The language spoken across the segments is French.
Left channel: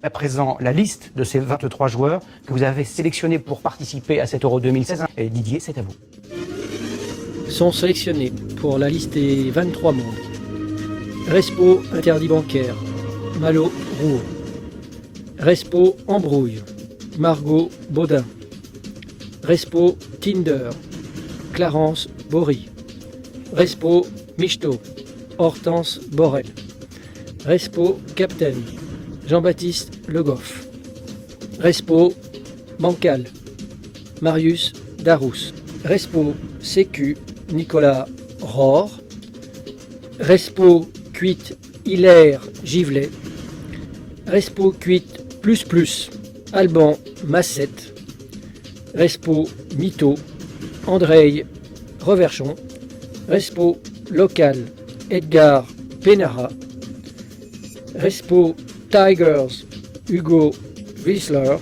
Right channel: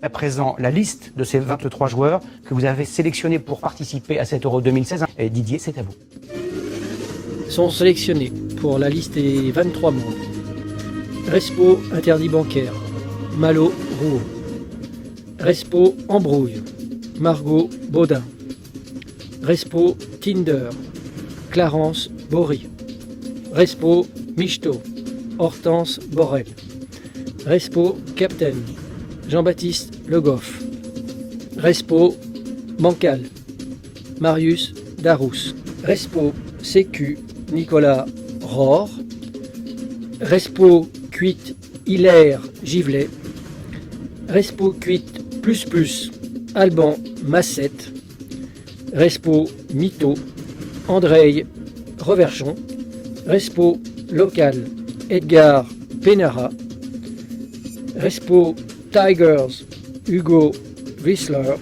À présent, la liste de ces 23 joueurs que vous avez sélectionnés pour participer à cet Euro 2016. Et Didier, c'est à vous. Sont sélectionnés pour la liste des 23 membres. Respo interdit bancaire, Malo Roux. Respo embrouille, Margot Baudin. Respo Kinder, Clarence Bory. Respo Michto, Hortense Borel. Respo Captain, Jean-Baptiste Le Goff. Respo Bancal, Marius Darousse. Respo Sécu, Nicolas Rohr. Respo Cuite, Hilaire Givlet. Respo Cuite Plus Plus, Alban Massette. Respo Mito, Andrei Reverchon. Respo Local, Edgar Penara. Respo Tigers, Hugo Wissler.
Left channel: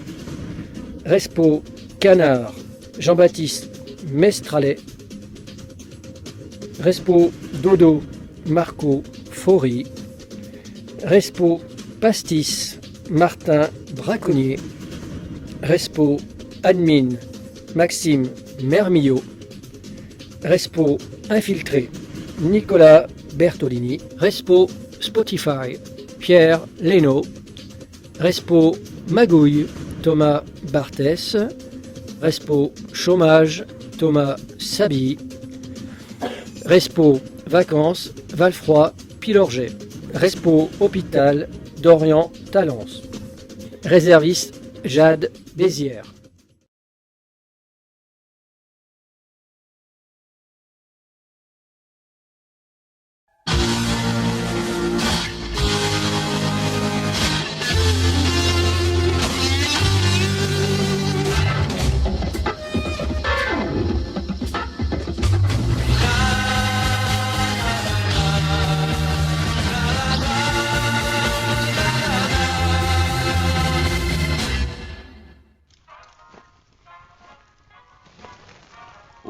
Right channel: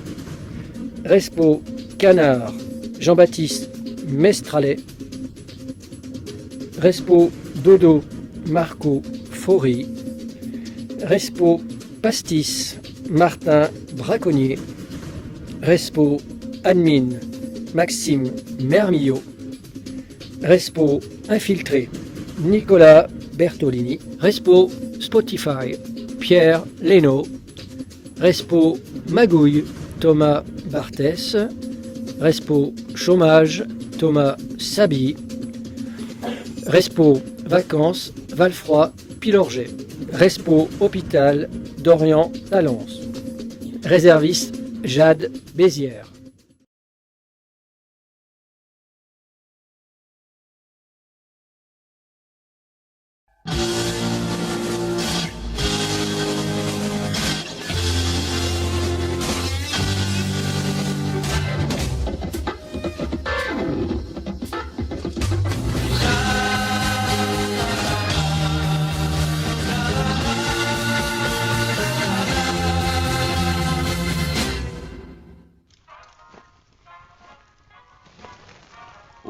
Respo Canard, Jean-Baptiste Mestralet. Respo Dodo, Marco Faury. Respo Pastis, Martin Braconnier. Respo Admin, Maxime Mermillot. Respo Infiltré, Nicolas Bertolini. Respo Spotify, Pierre Leno. Respo Magouille, Thomas Barthès. Respo Chômage, Thomas Sabi. Respo Vacances, Valfroy Pilorget. Respo Hôpital, Dorian Talence. Réserviste, Jade Bézières.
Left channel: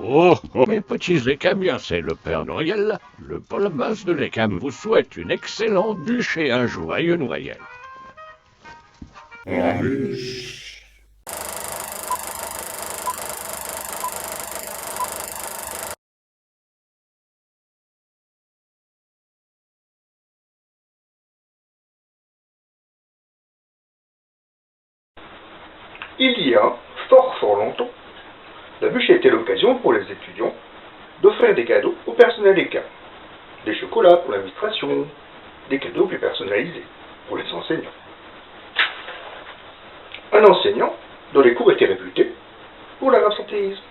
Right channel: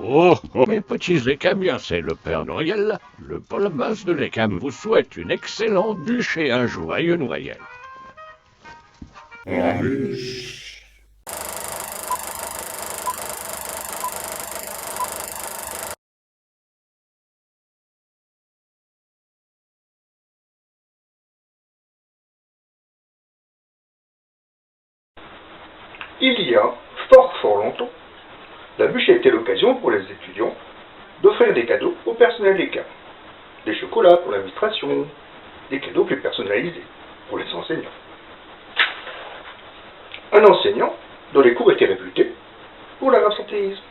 Oh, oh, mes petits écamiens, c'est le Père Noël. Le Paul-Mas de l'Écam vous souhaite une excellente bûche et un joyeux Noël. Il y a fort longtemps, la bûche était l'occasion pour les étudiants d'offrir des cadeaux au personnel ECAM. Des chocolats pour l'administration, des cadeaux plus personnalisés pour les enseignants. Un enseignant, dont les cours étaient réputés pour leur absentéisme,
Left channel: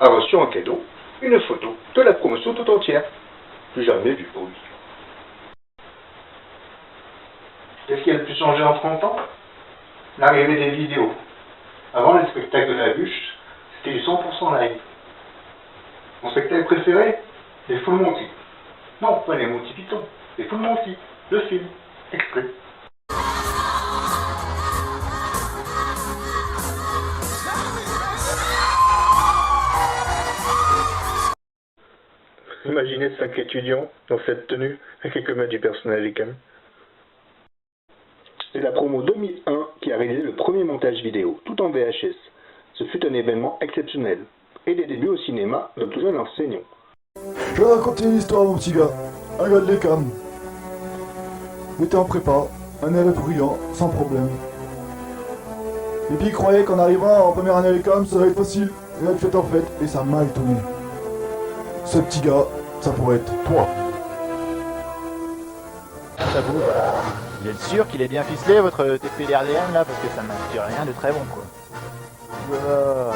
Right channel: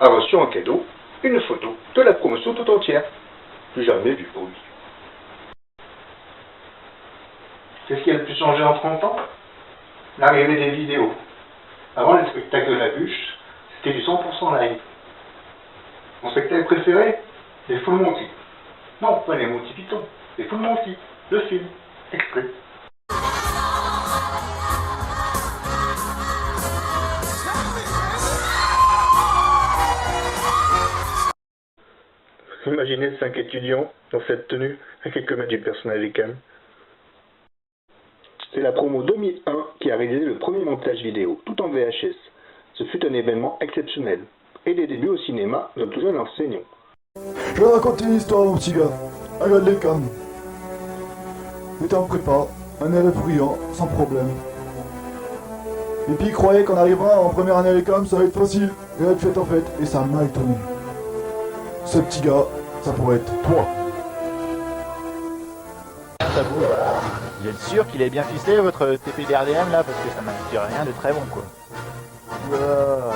a reçu en cadeau une photo de la promotion tout entière. J'ai jamais vu pour lui. Qu'est-ce qui a le plus changé en 30 ans? L'arrivée des vidéos. Avant, le spectacle de la bûche, c'était du 100% live. Mon spectacle préféré, les Full Monty. Non, pas les Monty Python, les Full Monty, le film, exprès. Imaginez 5 étudiants dans cette tenue avec quelques mains du personnel ECAM. C'est la promo 2001 qui a réalisé le premier montage vidéo, tout en VHS. Ce fut un événement exceptionnel, et des débuts au cinéma d'un tout jeune enseignant. Je vais raconter une histoire, mon petit gars. Un gars de l'ECAM. Il était en prépa, un élève brillant, sans problème. Et puis il croyait qu'en arrivant en première année à l'ECAM, ça va être facile. Et là, en fait, et ça m'a étonné. Ce petit gars, ça pourrait être toi. Vous êtes sûr qu'il est bien ficelé votre TP dernière là, parce que ça m'indique rien de très bon quoi. Voilà.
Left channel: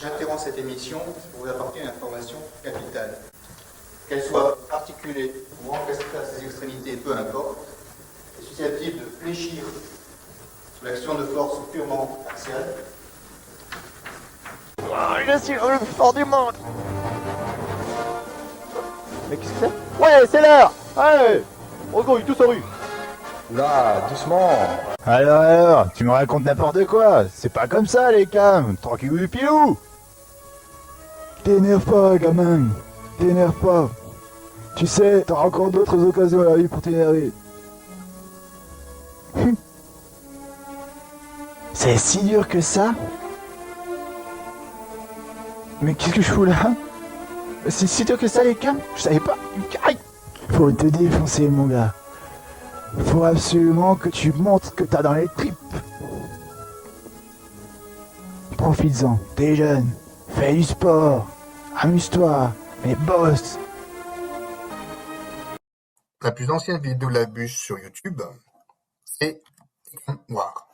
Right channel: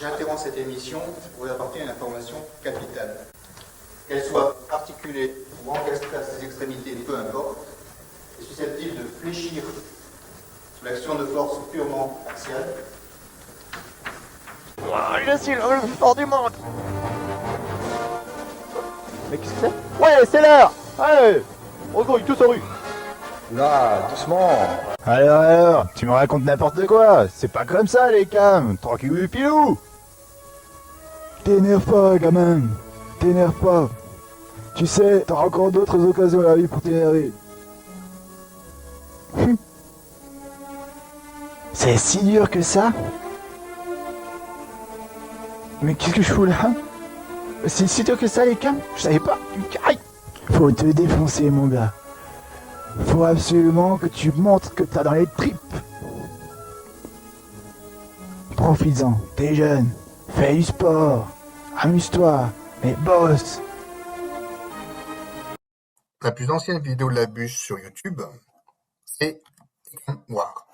J'interromps cette émission pour vous apporter une information capitale. Qu'elle soit articulée ou encastrée à ses extrémités, peu importe, est susceptible de fléchir sous l'action de forces purement partielles. Je suis le plus fort du monde. Mais qu'est-ce que c'est? Ouais, c'est l'heure. Allez, on grouille tous en rue. Oula, doucement. Alors, tu me racontes n'importe quoi. C'est pas comme ça, les cams. Tranquille le pilou. T'énerve pas, gamin. T'énerve pas. Tu sais, t'auras encore d'autres occasions à la vie pour t'énerver. C'est si dur que ça? Mais qu'est-ce que je fous là? C'est si dur que ça, les cams? Je savais pas. Aïe! Faut te défoncer, mon gars. Faut absolument que tu montres que t'as dans les tripes. Profites-en, t'es jeune. Fais du sport. Amuse-toi. Mais bosse. La plus ancienne vidéo de la bûche sur YouTube, c'est Noir.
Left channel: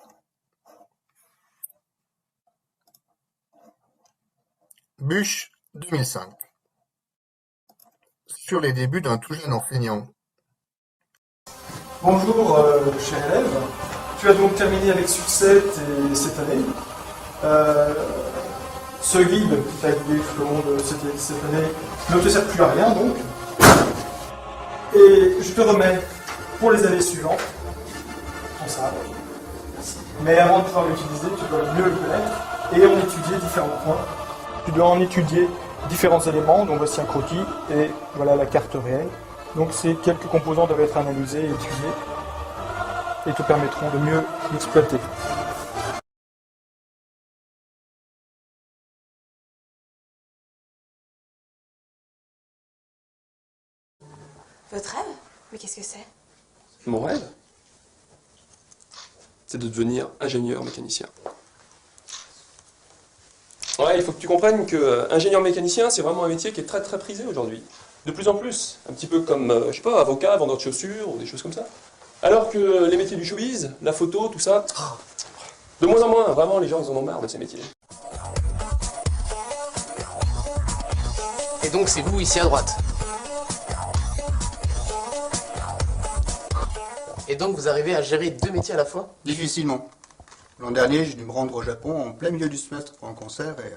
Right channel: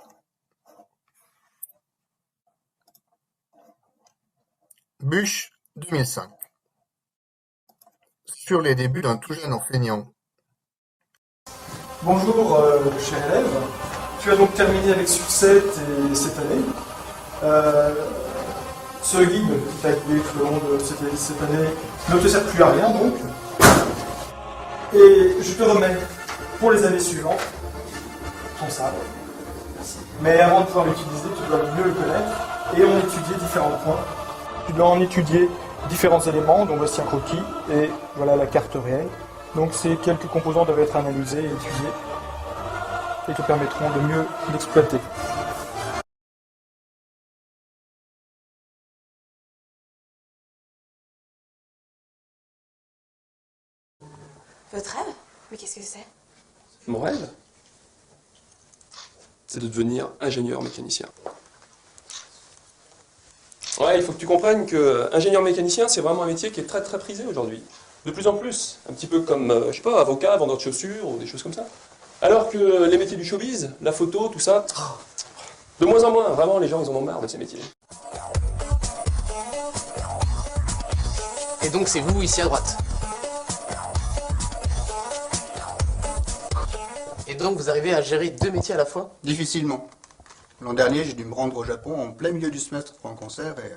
Bûche 2005. Sur les débuts d'un tout jeune enseignant. Bonjour, cher élève. Tu as donc terminé avec succès cette année. Ce guide qui t'a aidé tout au long de cette année ne te sert plus à rien donc. Et je te remets pour les années suivantes ton sabre. Mais avant de pouvoir l'utiliser, tu dois mieux le connaître et en étudier différents points. Tu dois en étudier différents éléments, dont voici un croquis et voilà la carte réelle. Donc ces quelques composants doivent être analysés et étudiés et te permettront de mieux l'exploiter. Votre rêve? Mais qu'est-ce que c'est? Mon rêve, c'est de devenir ingénieur mécanicien. Ouais, il faut que tu comprennes que ingénieur mécanicien, c'est vraiment un métier qui est très très prisé aujourd'hui. De plus en plus. Un petit peu comme, je sais pas, avocat, vendeur de chaussures, ou des choses comme ça. Alors que les métiers du showbiz, la photo, tout ça, de moins en moins, vraiment, les gens, ils en ont marre de ces métiers. Et donc c'est vous ici à droite. Et donc vous arrivez à gérer deux métiers à la fois? Difficilement. L'an dernier, j'ai dû me rendre au Japon en plein milieu du semestre pour un concert et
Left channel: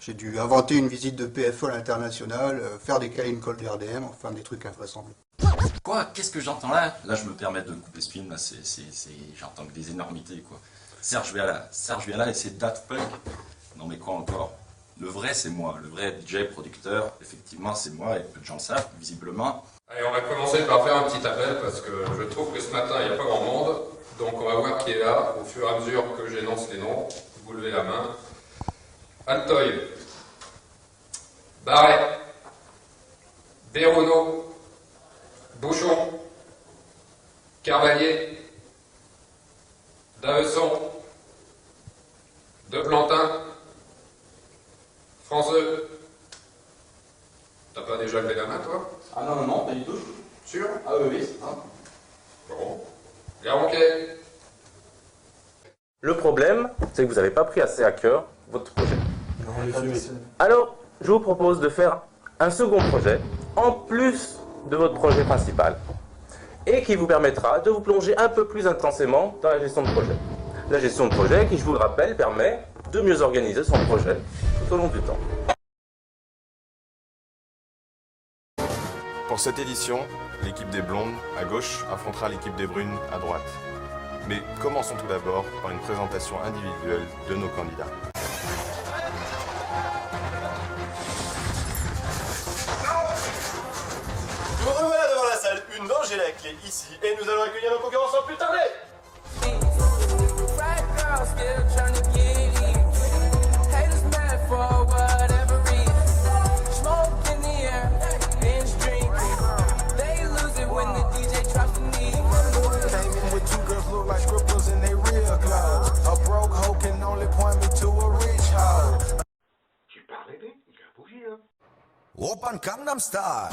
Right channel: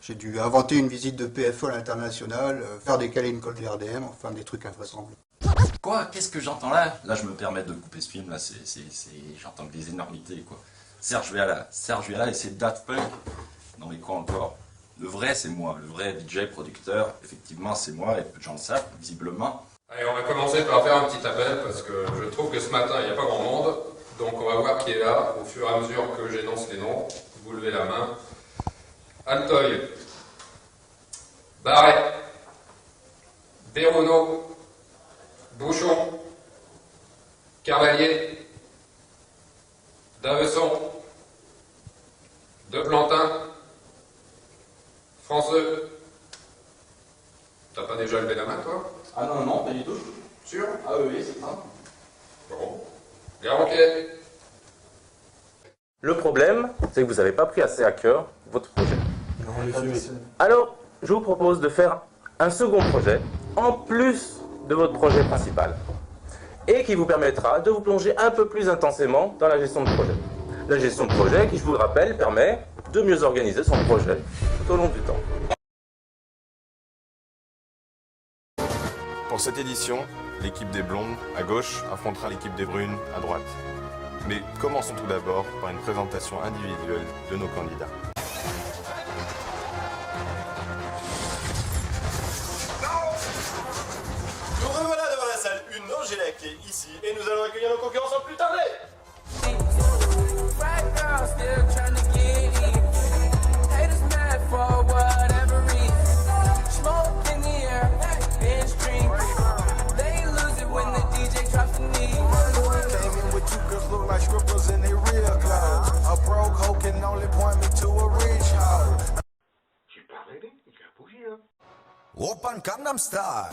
j'ai dû inventer une visite de PFO à l'international, faire des câlins code VRDM, enfin des trucs invraisemblables. Quoi? Qu'est-ce que j'entends là? Là, je me permets de couper ce film, là, j'entends que des énormités, quoi. Serge Viola et ses Daft Punk. Non mais quoi encore? Le vrai, c'est moi, le vrai DJ, producteur, effectivement, c'est moi, et peu de gens le savent, visiblement. Allez, on va commencer par faire un petit appel, parce que je trouve que ce matin, il n'y a pas grand monde. Donc on va voir qui est là, au fur et à mesure que j'énonce les noms. Vous levez la main. Altoy. Barret. Bérono. Bouchon. Carvalier. Davesson. De Plantin. Franceux. T'as pas déjà levé la main, toi? Ah non, non, non, pas du tout. Sûr? Ah oui, oui, c'est ça. Bon. Garonquet. Le problème, c'est que vous n'avez pas pris assez à cœur votre projet. Alors, je vous propose de faire un second projet, en plus de votre projet principal, et qui vous permettra de vous plonger un peu plus intensément dans la gestion de projet. La gestion de projet qui, je vous le rappelle, permet de mieux organiser son projet tout au long du temps. Pour cette édition, l'équipe des blondes, à gauche, affrontera l'équipe des brunes, à droite. Mais commençons tout d'abord par une présentation individuelle de nos candidats. Nous revoilà devant la salle 1 d'Angélin qui est ici et nous allons accueillir nos concurrents sans plus tarder. Open Gangnam Style.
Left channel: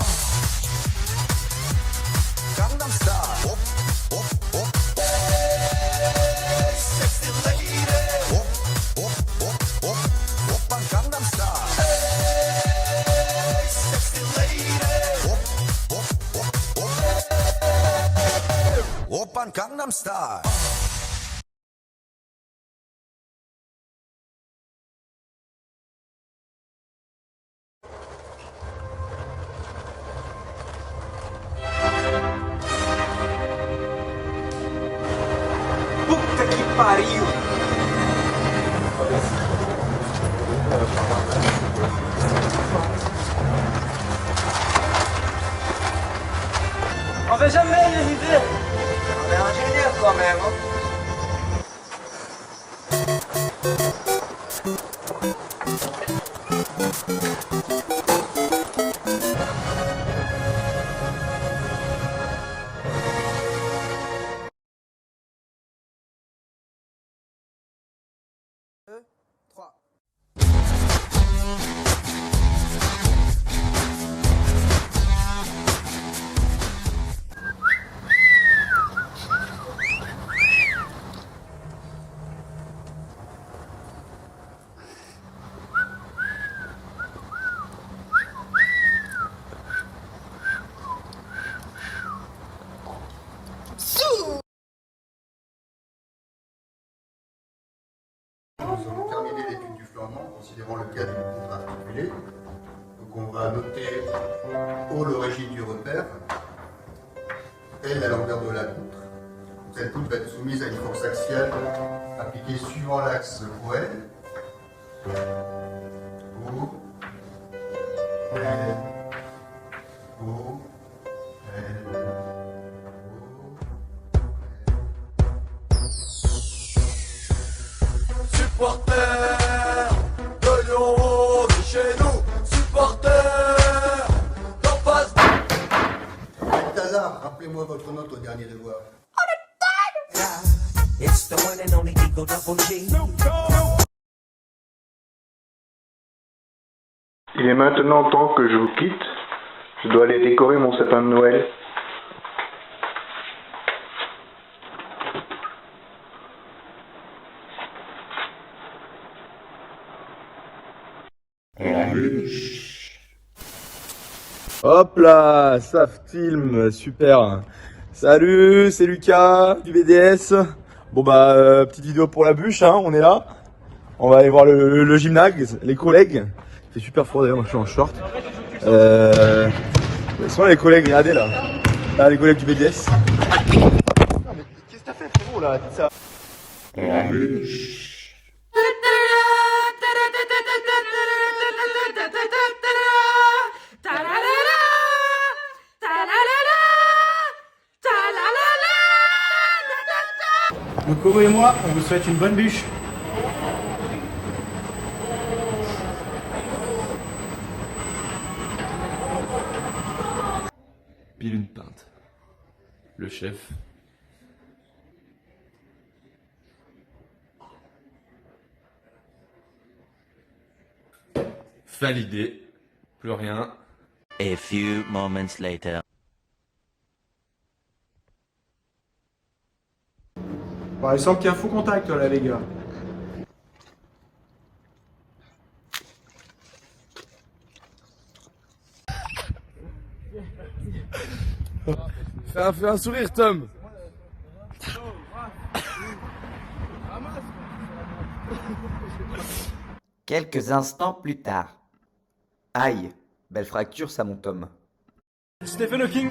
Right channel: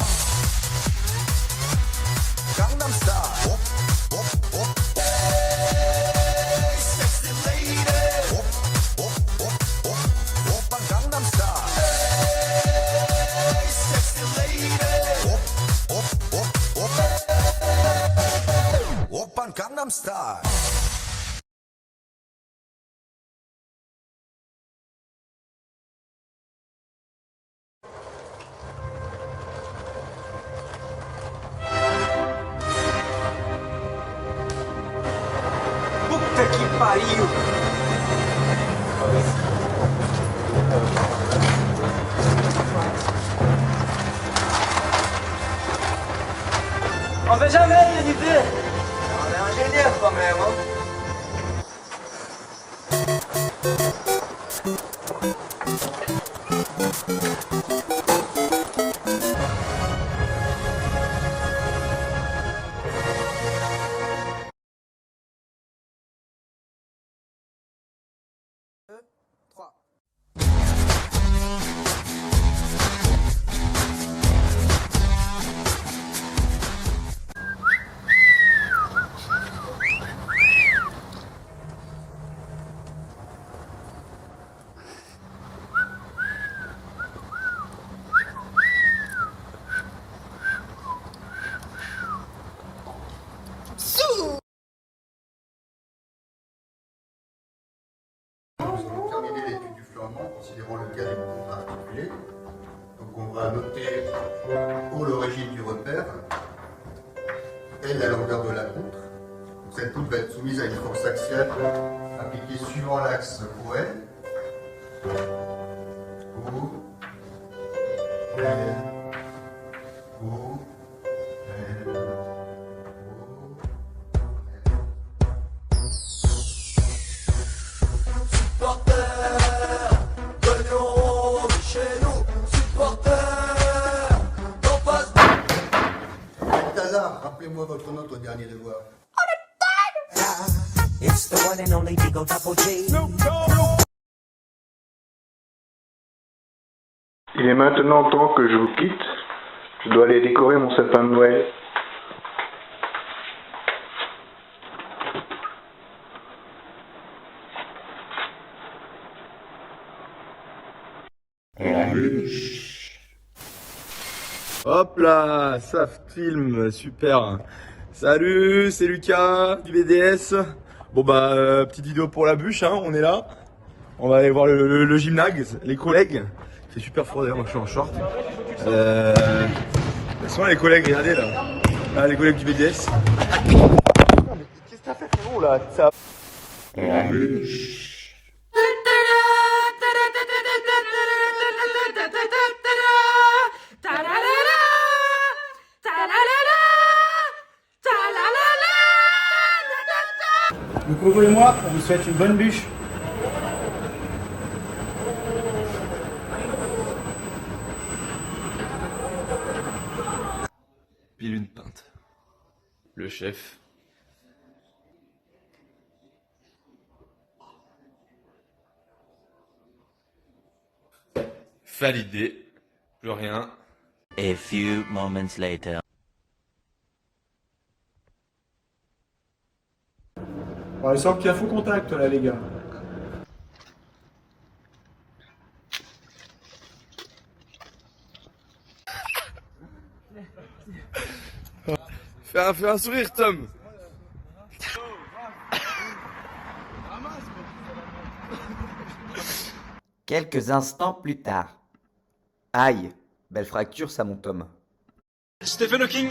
Gangnam Style. Op, op, op. Hey, sexy lady. Op, op, op, op. Open Gangnam Style. Hey, sexy lady. Op, op, op, op. Open Gangnam Style. pariu! On fait jamais rien les deux! On est ingénieur quand même, hein? Nous avons terminé l'étude du flamand, considérant le cas des mouvements articulés. Donc on va noter pour l'origine du repère, et la longueur de la poutre. Cette poutre va être soumise à une force axiale appliquée suivant l'axe OL. O, L, O, L, Supporters de Lyon, c'est chez nous. Supporters d'en face. Balthazar, rappelez-moi votre note au dernier devoir. It's the one and only Eagle Double G. Il est maintenant temps que je vous quitte. Je dois aller décorer mon sapin de Noël. Hop là, Saftilm, super. Salut, c'est Lucas du BDS. Bon bah, petite vidéo pour la bûche, hein, on est là. On va aller voir le gymnase, les collègues. C'est super froid d'ailleurs, je suis en short. Ce sont les collègues, regardez là. Là, les collègues du BDS. Qu'est-ce que t'as fait frérot là? Ça... Donc, et moi, on vous souhaite une bonne bûche. Pile une pinte. Le chef. Validé. Plus rien. A few moments later. Bon, il semble qu'il y a faux contact là les gars. Fais un sourire, Tom. Quelques instants plus tard. Aïe, belle fracture ça mon Tom. Stephen Hawking.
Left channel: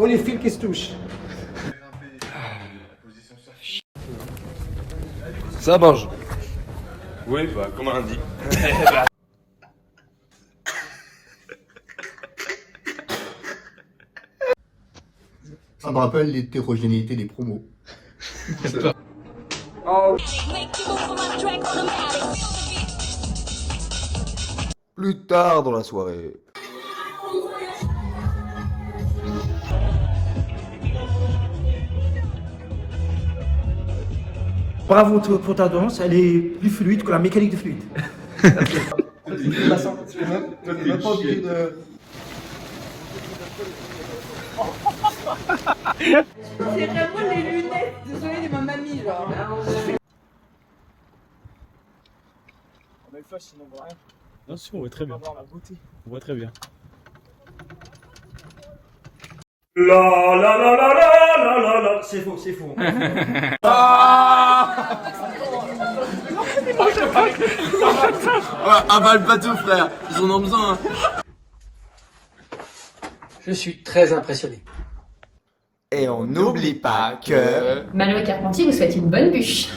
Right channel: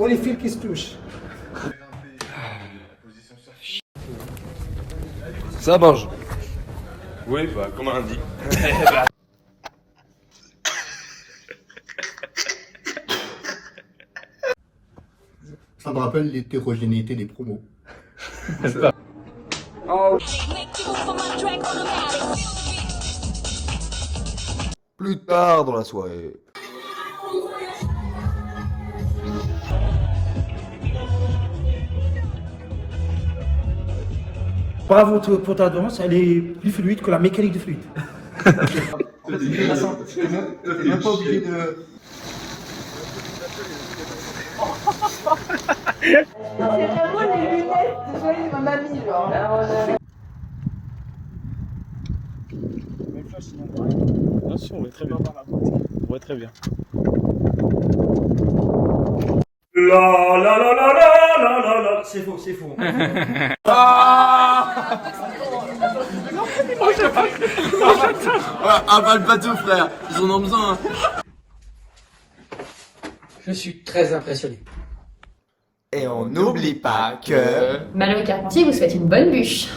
Oh les fils qui se touchent. Ça mange. Oui, bah, comme on dit. Ça me rappelle l'hétérogénéité des promos. Plus tard dans la soirée. Bravo pour ta danse, elle est plus fluide que la mécanique de flûte. T'es même pas obligé de... C'est vraiment les lunettes, désolé, de ma mamie, genre. Bien sûr, on est très bien dans la boîte. On voit très bien. La la la la la la la la. C'est faux, c'est faux. Avale pas tout, frère. Ils en ont besoin. Je suis très impressionné. Et on n'oublie pas que... Malo Carpentier vous souhaite une bonne bûche.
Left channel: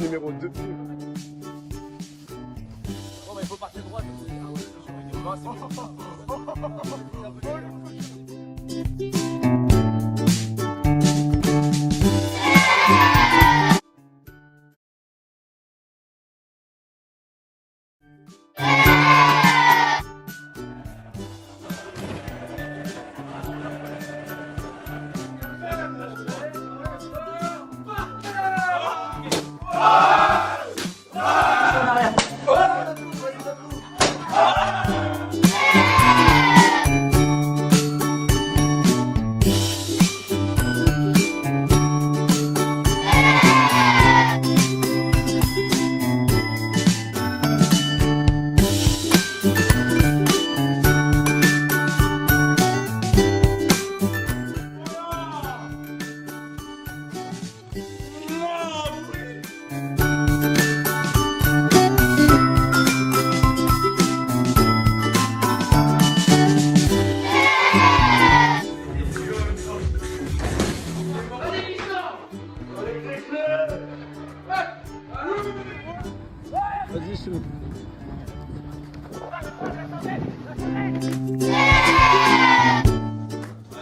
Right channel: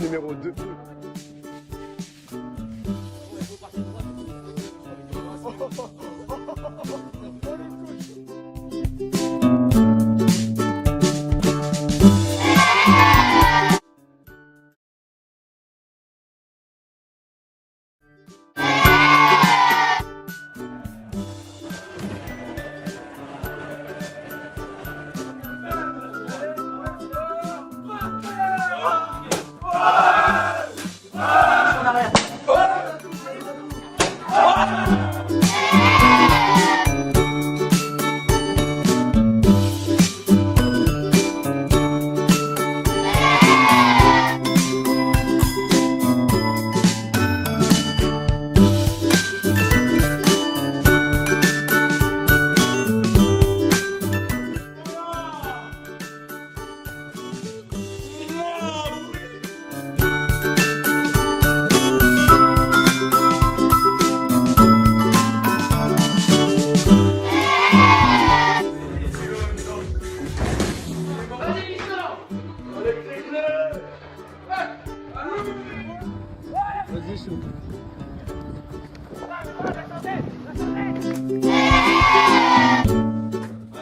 Numéro 2.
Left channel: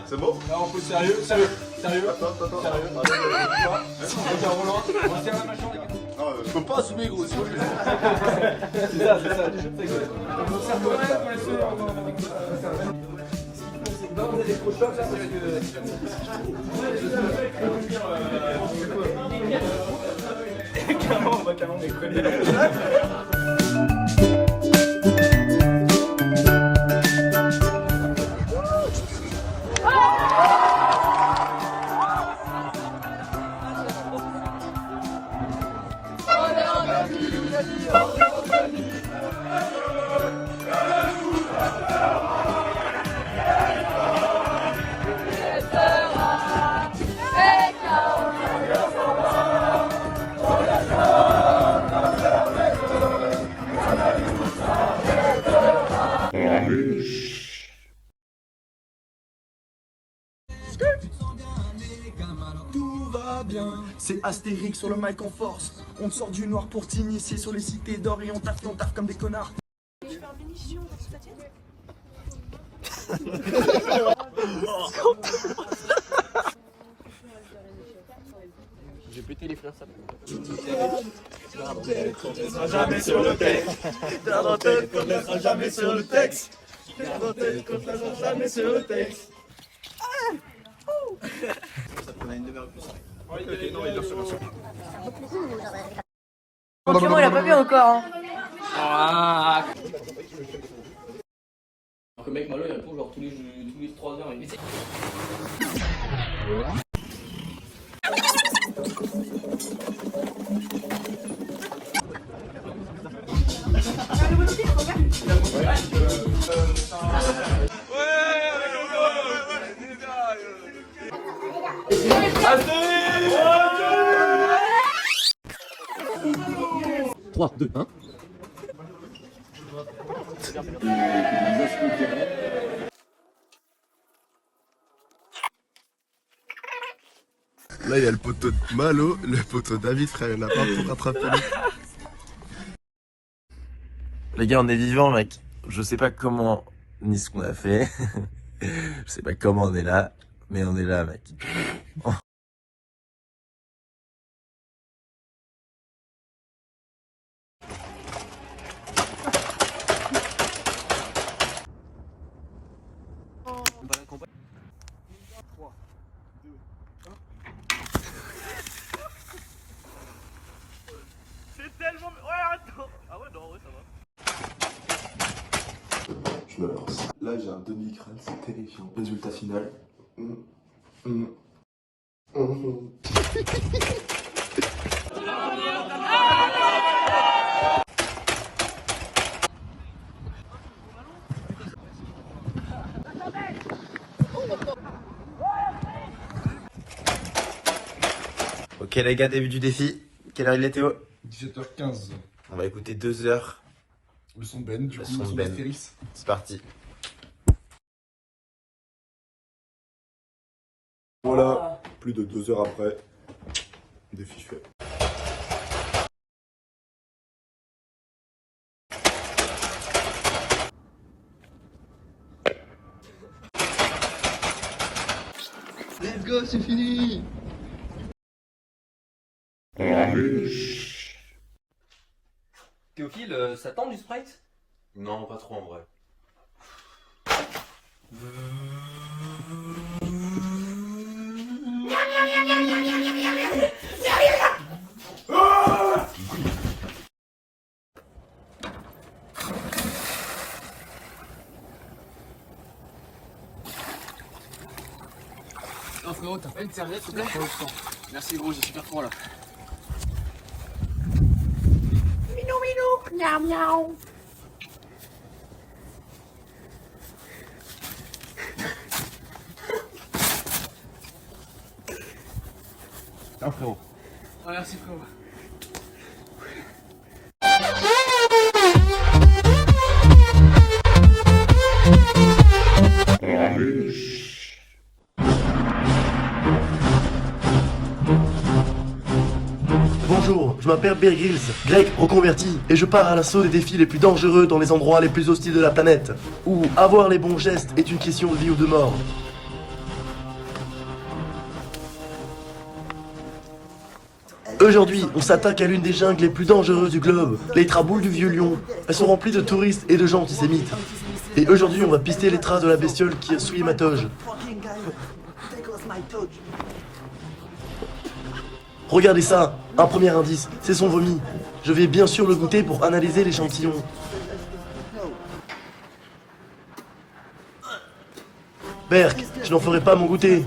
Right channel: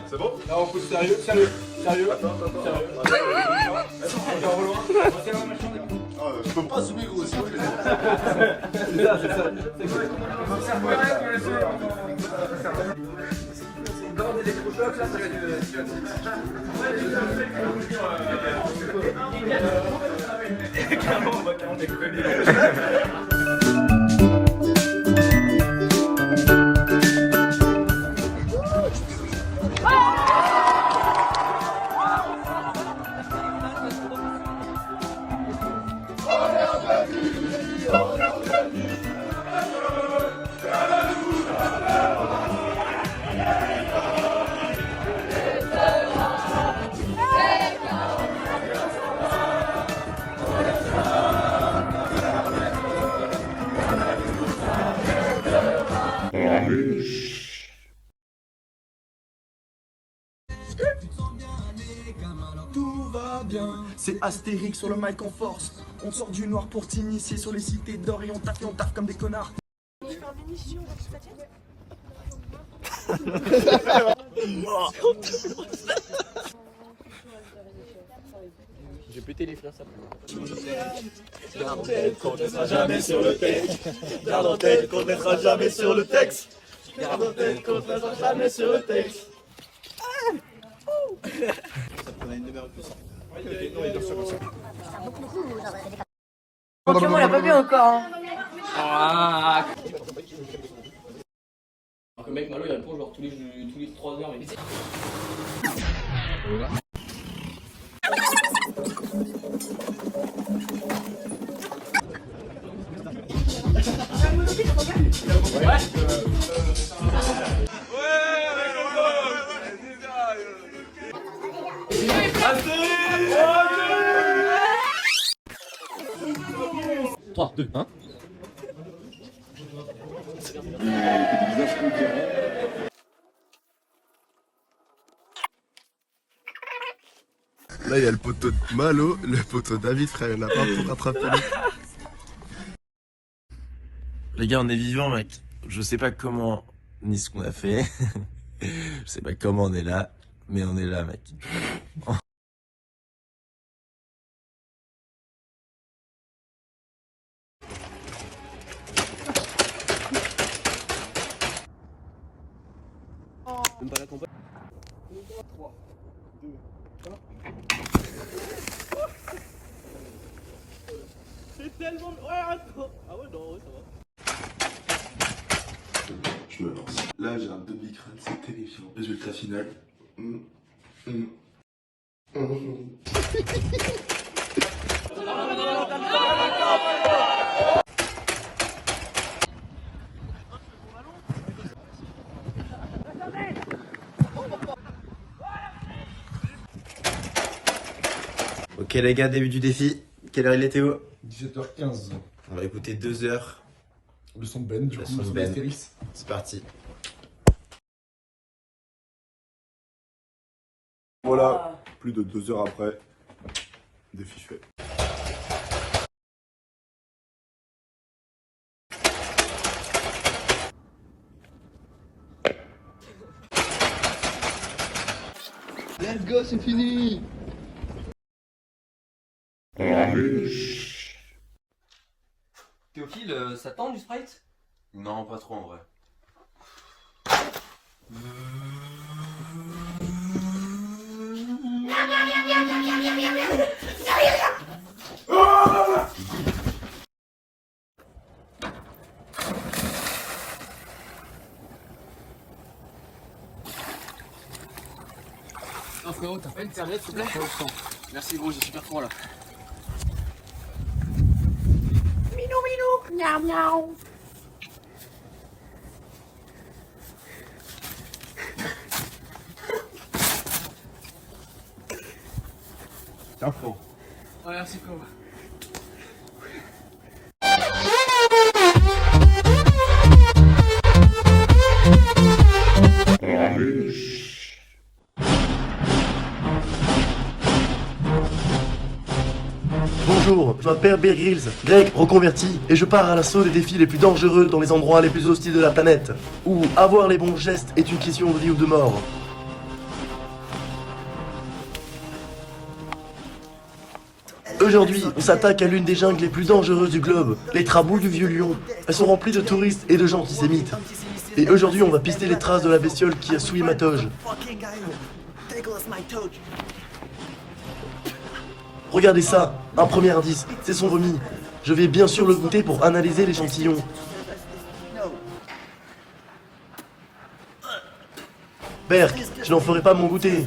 C'est bon? Là on pousse sérieux. Je peux pas assumer gros, c'est horrible. C'est ça. On va carrément déconner. C'est Astérix sur le mic en force. On sort du noir pour t'initier sur les cités d'or et on taffe comme des connards. J'ai pété les frères, ça La dentelle qu'on naîtra jamais sur le texte. La dentelle qu'on naîtra jamais sur le texte. La dentelle qu'on naîtra jamais sur le texte. On a une demi-heure de plus. Oui, non, il bien sûr. Franchement, il a pas vu encore. Hein. Ah. Le mec Malo, il répond genre tous les 3 heures. Il essaie. Trois, deux, un. Là, il y a le poteau de Malo, le poteau David, frère, il n'a pas pour rattraper. Les gars, on est vivants, mec. Je sais pas comment, ni ce qu'on a fait. Je sais pas comment on est là, mais on est là, mec. je me lance. Là, j'ai un demi-crâne, c'est terrifiant. Résultat final. Ok les gars, début du défi. Quelle heure il est Théo? 17h15. On va écouter 2 heures. Le son Ben, du Le coup, son le Ben. Astérix. C'est parti. Voilà, plus de 2 heures après, défi fait. Let's go, c'est fini. Théophile, ça tente du Sprite? Non, pas trop en vrai. Non frérot, t'as pas une serviette s'il te plaît? Merci gros, j'ai super froid là. Miaou, miaou. Tiens frérot. Ouais, merci frérot. Bonjour, je m'appelle Bear Grylls, grec reconverti, et je pars à l'assaut des défis les plus dangereux dans les endroits les plus hostiles de la planète, où avoir les bons gestes est une question de vie ou de mort. Aujourd'hui, on s'attaque à l'une des jungles les plus dangereuses du globe, les traboules du Vieux Lion. Elles sont remplies de touristes et de gens antisémites. Et aujourd'hui, on va pister les traces de la bestiole qui a souillé ma toge. Regardez ça, un premier indice, c'est son vomi. Je vais bien sûr le goûter pour analyser l'échantillon. Berk, je n'en ferai pas mon goûter.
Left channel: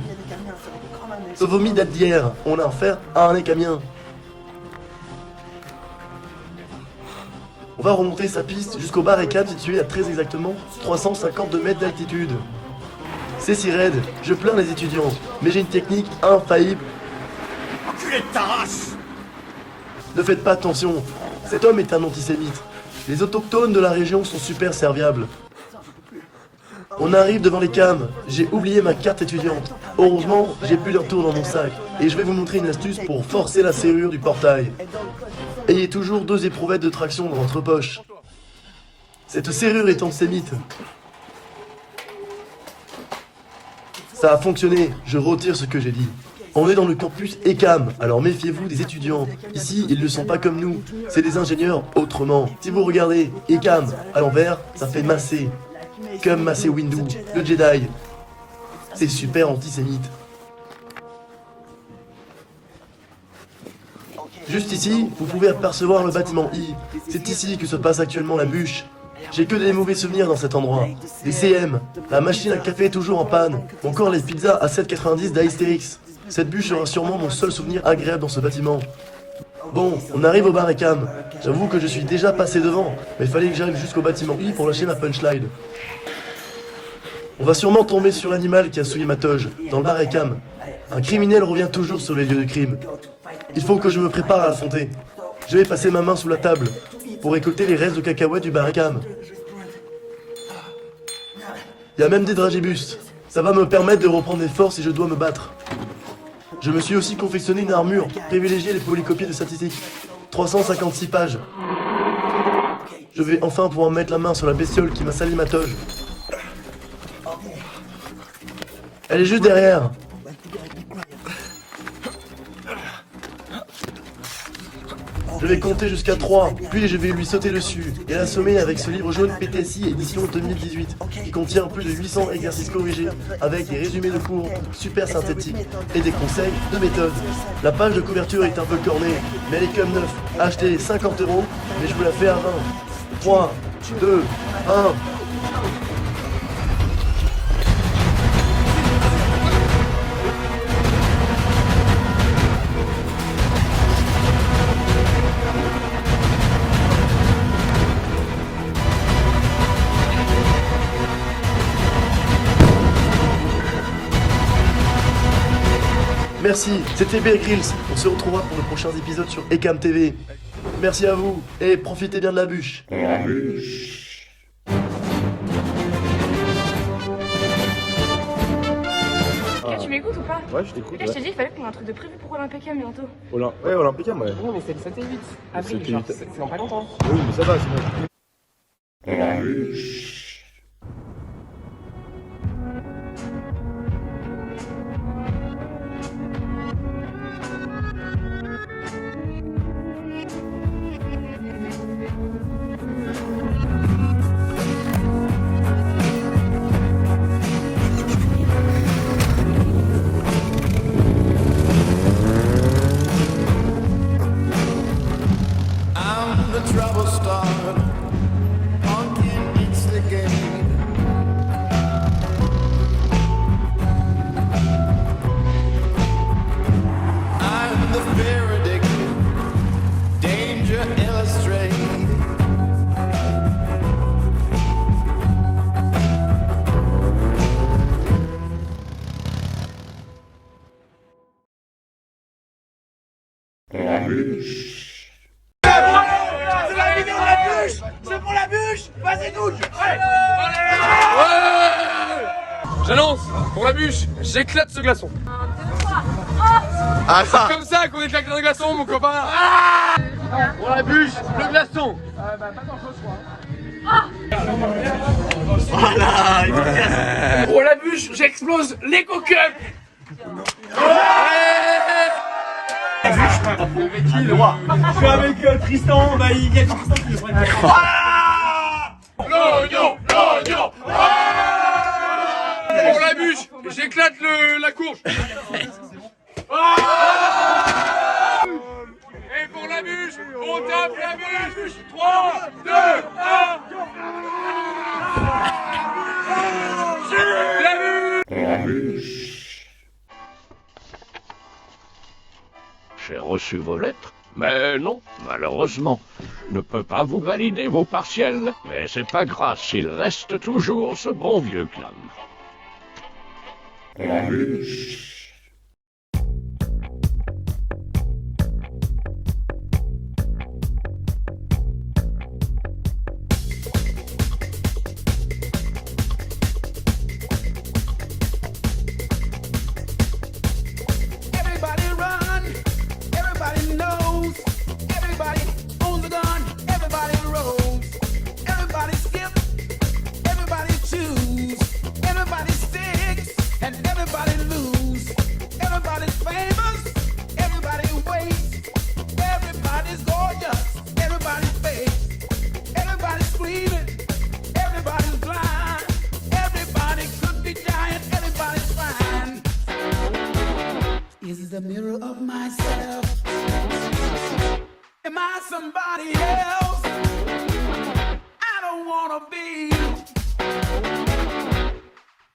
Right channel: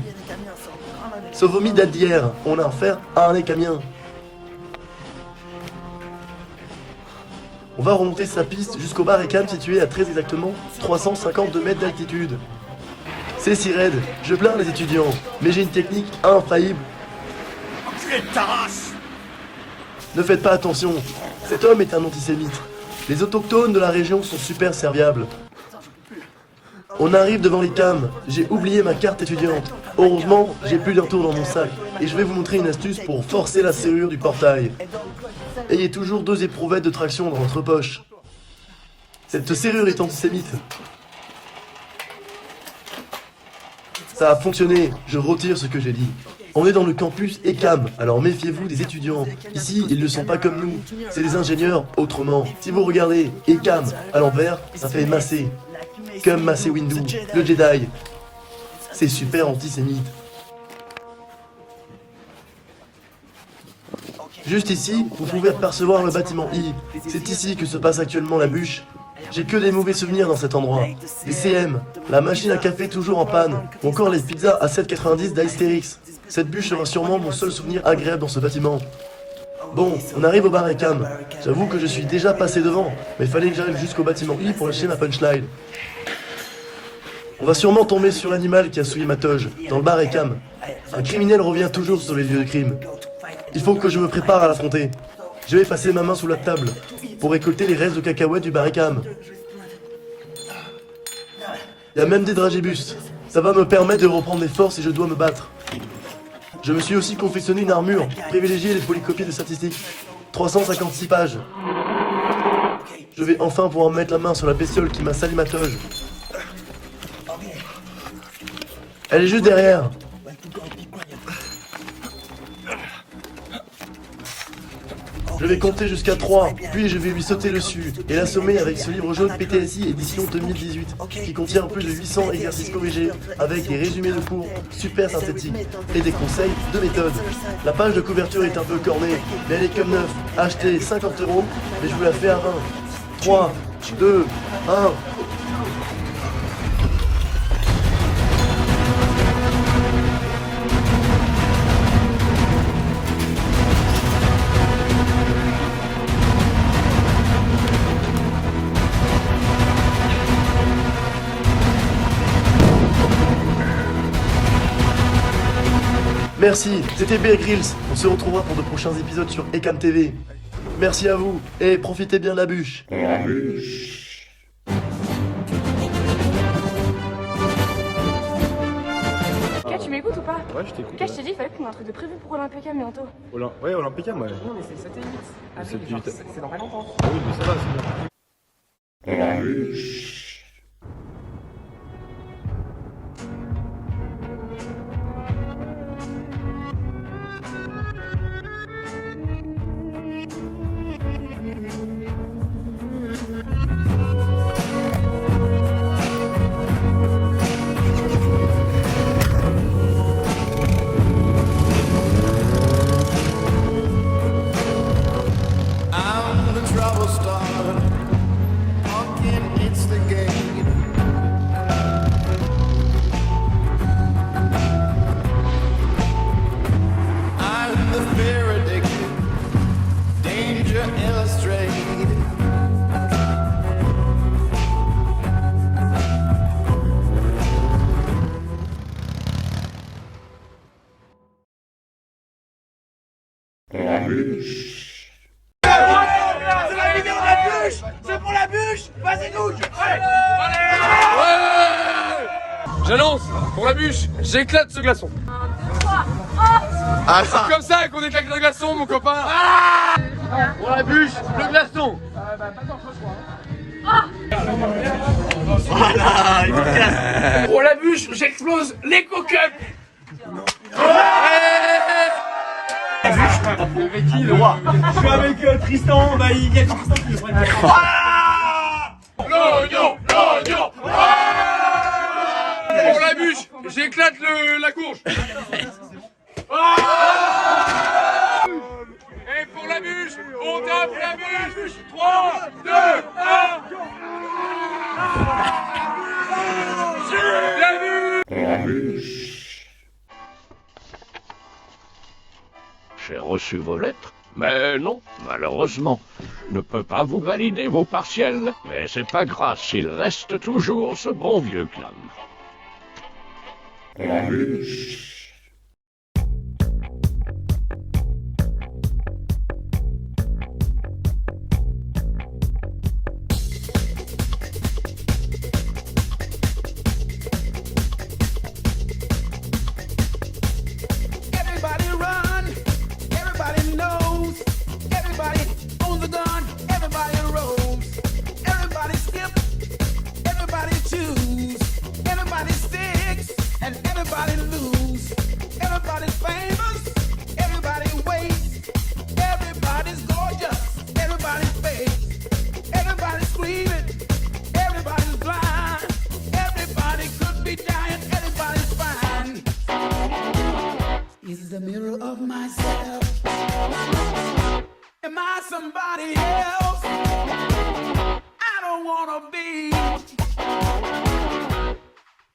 Ce vomi date d'hier, on a affaire à un écamien. On va remonter sa piste jusqu'au bar Ecam situé à très exactement 352 mètres d'altitude. C'est si raide, je plains les étudiants, mais j'ai une technique infaillible. Enculé de ta race. Ne faites pas attention, cet homme est un antisémite. Les autochtones de la région sont super serviables. On arrive devant les cams, j'ai oublié ma carte étudiante. Heureusement, j'ai plus d'un tour dans mon sac, et je vais vous montrer une astuce pour forcer la serrure du portail. Ayez toujours 2 éprouvettes de traction dans votre poche. Cette serrure est antisémite. Ça a fonctionné, je retire ce que j'ai dit. On est dans le campus ECAM, alors méfiez-vous des étudiants. Ici, ils ne sont pas comme nous, c'est des ingénieurs autrement. Si vous regardez ECAM à l'envers, ça fait Massé. Comme Massé Windu, le Jedi. C'est super antisémite. Juste ici, vous pouvez apercevoir le bâtiment I. C'est ici que se passe actuellement la bûche. J'ai que des mauvais souvenirs dans cet endroit. Les CM, la machine à café toujours en panne, ou encore les pizzas à 7,90 d'Astérix. Cette bûche sera sûrement mon seul souvenir agréable dans ce bâtiment. Bon, on arrive au bar Ecam. J'avoue que je suis déjà passé devant, mais il fallait que j'arrive jusqu'au bâtiment I pour lâcher ma punchline. On va sûrement tomber sur l'animal qui a souillé ma toge, dans le bar Ecam. Un criminel revient toujours sur les lieux du crime. Il faut que je me prépare à l'affronter. Je vais passer ma main sous la table pour récolter les restes de cacahuètes du bar Ecam. Il y a même des dragibus. Ça va me permettre de reprendre mes forces et je dois me battre. Je me suis aussi confectionné une armure. Privilégiez les polycopies de statistiques. 356 pages. Je vais enfin pouvoir mettre la main sur la bestiole qui m'a sali ma toge. Elle est juste derrière. Je vais compter jusqu'à 3, puis je vais lui sauter dessus et l'assommer avec ce livre jaune PTSI édition 2018 qui contient plus de 800 exercices corrigés avec des résumés de cours super synthétiques et des conseils de méthode. La page de couverture est un peu cornée, mais elle est comme neuf, achetée 50 €, mais je vous la fais à 20. 3, 2, 1. Merci, c'était Bear Grylls. On se retrouvera pour de prochains épisodes sur Ecam TV. Merci à vous, et profitez bien de la bûche. Tu m'écoutes ou pas? Ouais, je t'écoute. Je t'ai dit, il fallait qu'on ait un truc de prévu pour Olympicam bientôt. Ouais, Olympicam, ouais. Non, mais c'est le 7 et 8 avril, 7 et genre, 8. c'est dans pas longtemps. Oui, mais ça va, c'est bon. I'm the trouble starter. Pumpkin, it's the game. I'm the fear addicted. Danger illustrated. C'est la vidéo de la bûche. C'est pour la bûche. Vas-y, Doug. J'annonce, pour la bûche, j'éclate ce glaçon. C'est comme ça qu'on éclate un glaçon, mon copain. Pour la bûche, le glaçon. Pour la bûche, j'explose les coquins. Le roi. Je suis avec Tristan, Maïg et Tristan qui nous L'oignon, l'oignon. Pour la bûche, j'éclate la courge. Et pour la bûche, on tape la bûche. 3, 2, 1. La bûche. J'ai reçu vos lettres, mais non, malheureusement, je ne peux pas vous valider vos partiels, mais c'est pas grave, il reste toujours ce bon vieux clam. Everybody run. Everybody knows. Everybody owns the gun. Everybody rolls. Everybody skip. Everybody choose. Everybody sticks. And everybody lose. Everybody's famous. Everybody waits. Everybody's gorgeous. Everybody's fake. Everybody's screaming. Everybody's blind. Everybody could be dying. Everybody's fine. This is a mirror of myself. Am I somebody else? I don't wanna be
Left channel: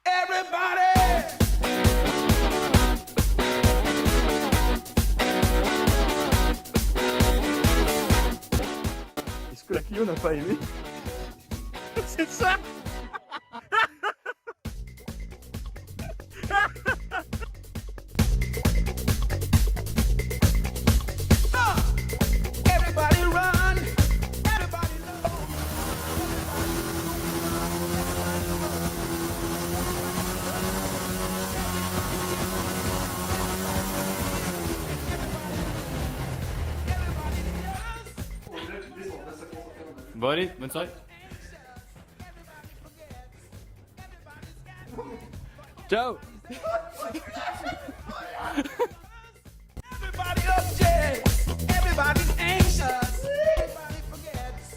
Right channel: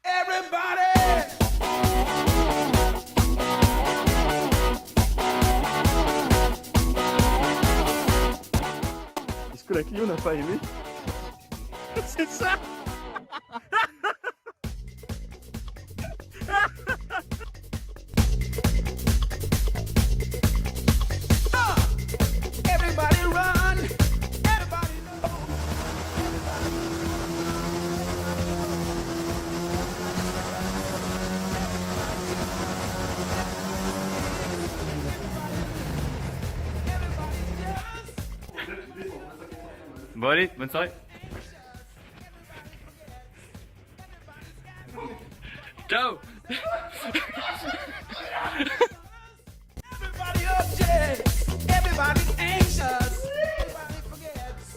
everybody. Est-ce que la Clio n'a pas aimé? C'est ça. Everybody run. Bon allez, bonne soirée. Ciao. Everybody upset. Everybody's anxious. Everybody forgets.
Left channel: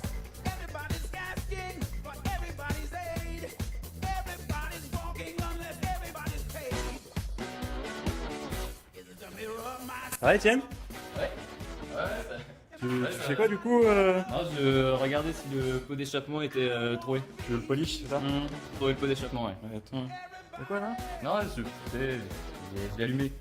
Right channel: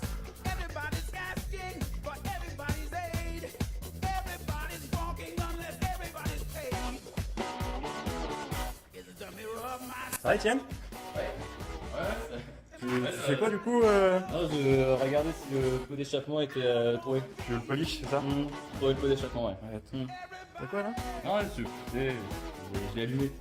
Everybody's asking for everybody's aid. Everybody's walking unless everybody's paid. It's the mirror of my Ça va, Etienne? Tu sais quoi du coup Non, je regardais si le pot d'échappement était trouvé. Le polish, c'est ça? Trouvé le pot d'échappement, ouais. Pourquoi là? Non, j'ai allumé.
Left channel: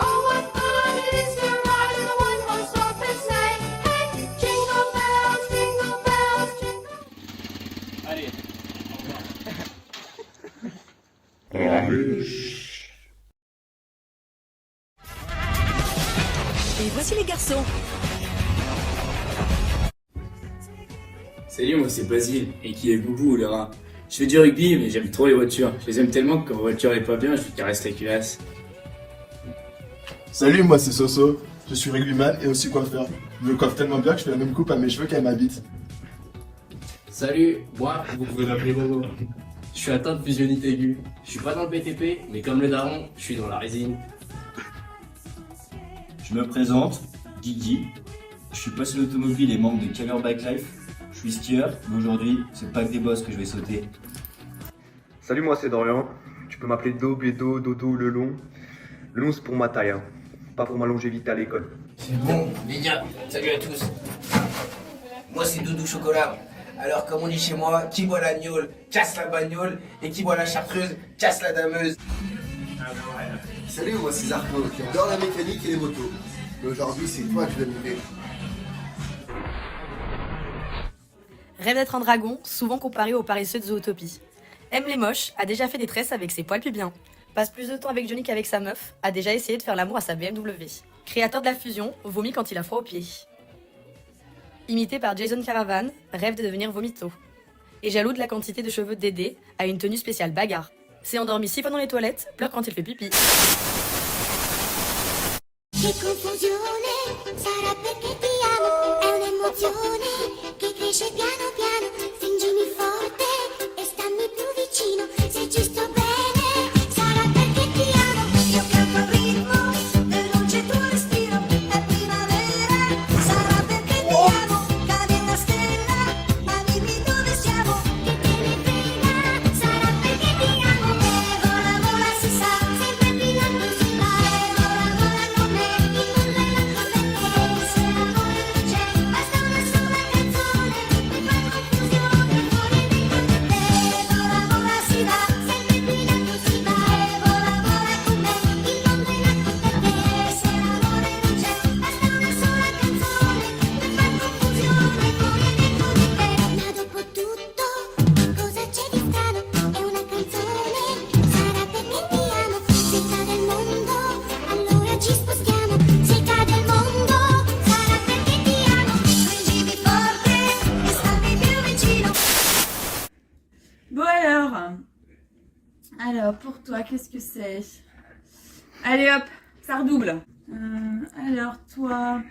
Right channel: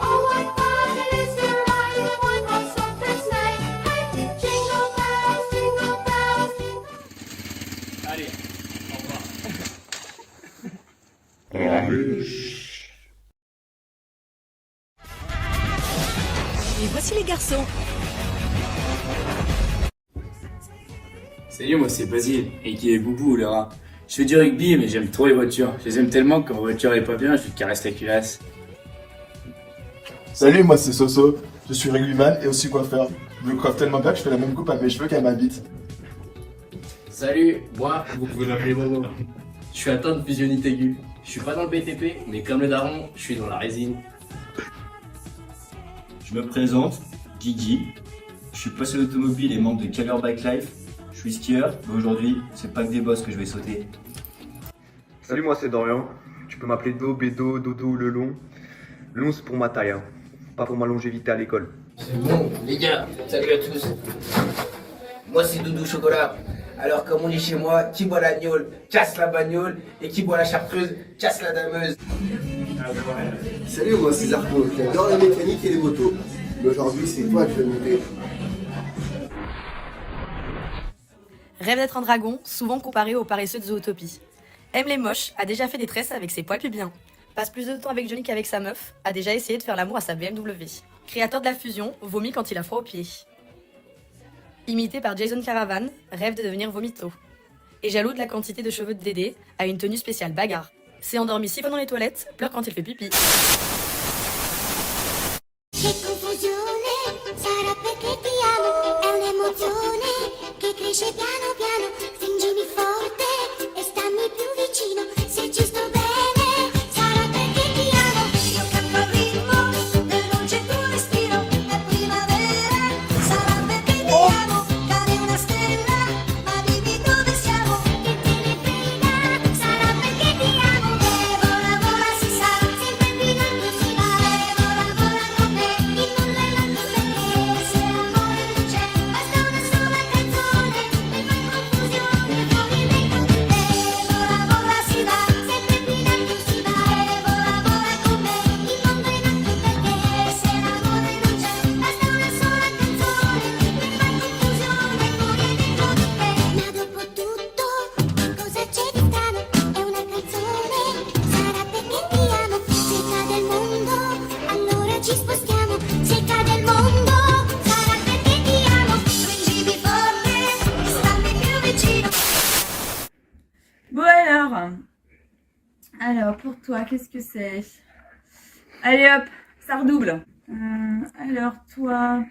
Oh, what fun it is to ride in a one-horse open sleigh. Hey, Allez. Et voici les garçons. Salut, moi c'est Basile, et qui est Boubou le rat. Je fais du rugby, mais j'aime trop les voitures. Je les aime tellement que quand ma voiture est pas bien, je lui caresse la culasse. Salut, moi c'est Soso. Je suis rugbyman et aussi coiffeur. Je me coiffe tellement bien que je fais la même coupe à mes cheveux qu'à ma bite. Salut, moi, vous pouvez m'appeler Bobo. Je suis atteint de fusionnite aiguë. Je suis pas dans le BTP, mais comme le daron, je suis dans la résine. Je me présente, Guigui. Je suis passionné automobile et membre de Caber Bike Life. Je suis skieur et aujourd'hui, c'est le pack des boss que je vais sauter. Salut, moi c'est Dorian. Tu peux m'appeler Do, Bédo, Dodo, le long. Le long c'est pour ma taille, hein. Pas pour ma longévité à l'école. C'est bon, les gars, salut à tous. Moi c'est Doudou Chocolat. Alors comme on dit chez moi, qui boit la gnôle, casse la bagnole, et qui boit la chartreuse, casse la dameuse. Salut, moi c'est Zarco, j'adore la mécanique et les motos. Mais aujourd'hui c'est toi que je vais monter. Rêve d'être un dragon, souvent comparé aux paresseux de Zootopie. Aime les moches, a déjà fait des tresses avec ses poils pubiens. Passe plus de temps avec Johnny qu'avec sa meuf, a déjà essayé de faire l'amour à sa BMW. Créateur de la fusion, vomit quand il a froid aux pieds. Imité par Jason Caravan, rêve de devenir vomito. Et jaloux de la quantité de cheveux de Dédé, a une tenue spéciale bagarre. S'est endormi 6 fois dans les toilettes, pleure quand il fait pipi. Che confusione, sarà perché ti amo, è un'emozione che cresce piano piano, stringimi forte e stammi più vicino, se ci sto bene, sarà perché ti amo, io canto al ritmo, veloce il tuo respiro, è primavera, sarà perché ti amo, cade una stella, ma dimmi dove siamo, e ti rifila, sarà perché ti amo, e vola vola si sa, sempre brillando si va, e vola vola con me. Bon alors pour toi, qu'est-ce que c'est? Allez hop, ça redouble. Alors toi,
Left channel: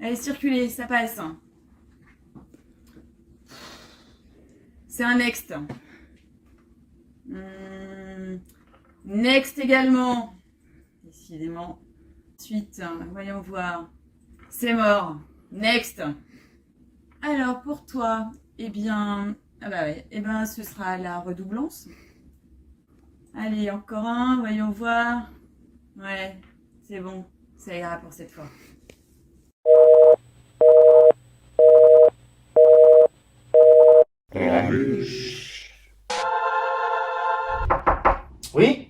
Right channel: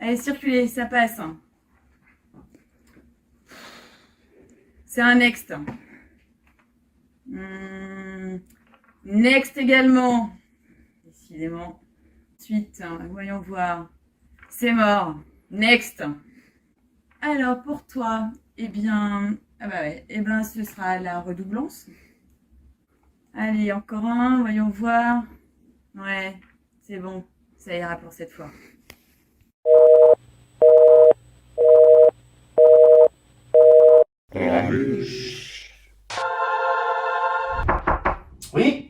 allez circuler, ça passe. C'est un next. Next également. Décidément. Ensuite, voyons voir. C'est mort. Next. Alors pour toi, eh bien, ah bah ouais, eh ben ce sera la redoublance. Allez, encore un, voyons voir. Ouais, c'est bon, ça ira pour cette fois. Oui.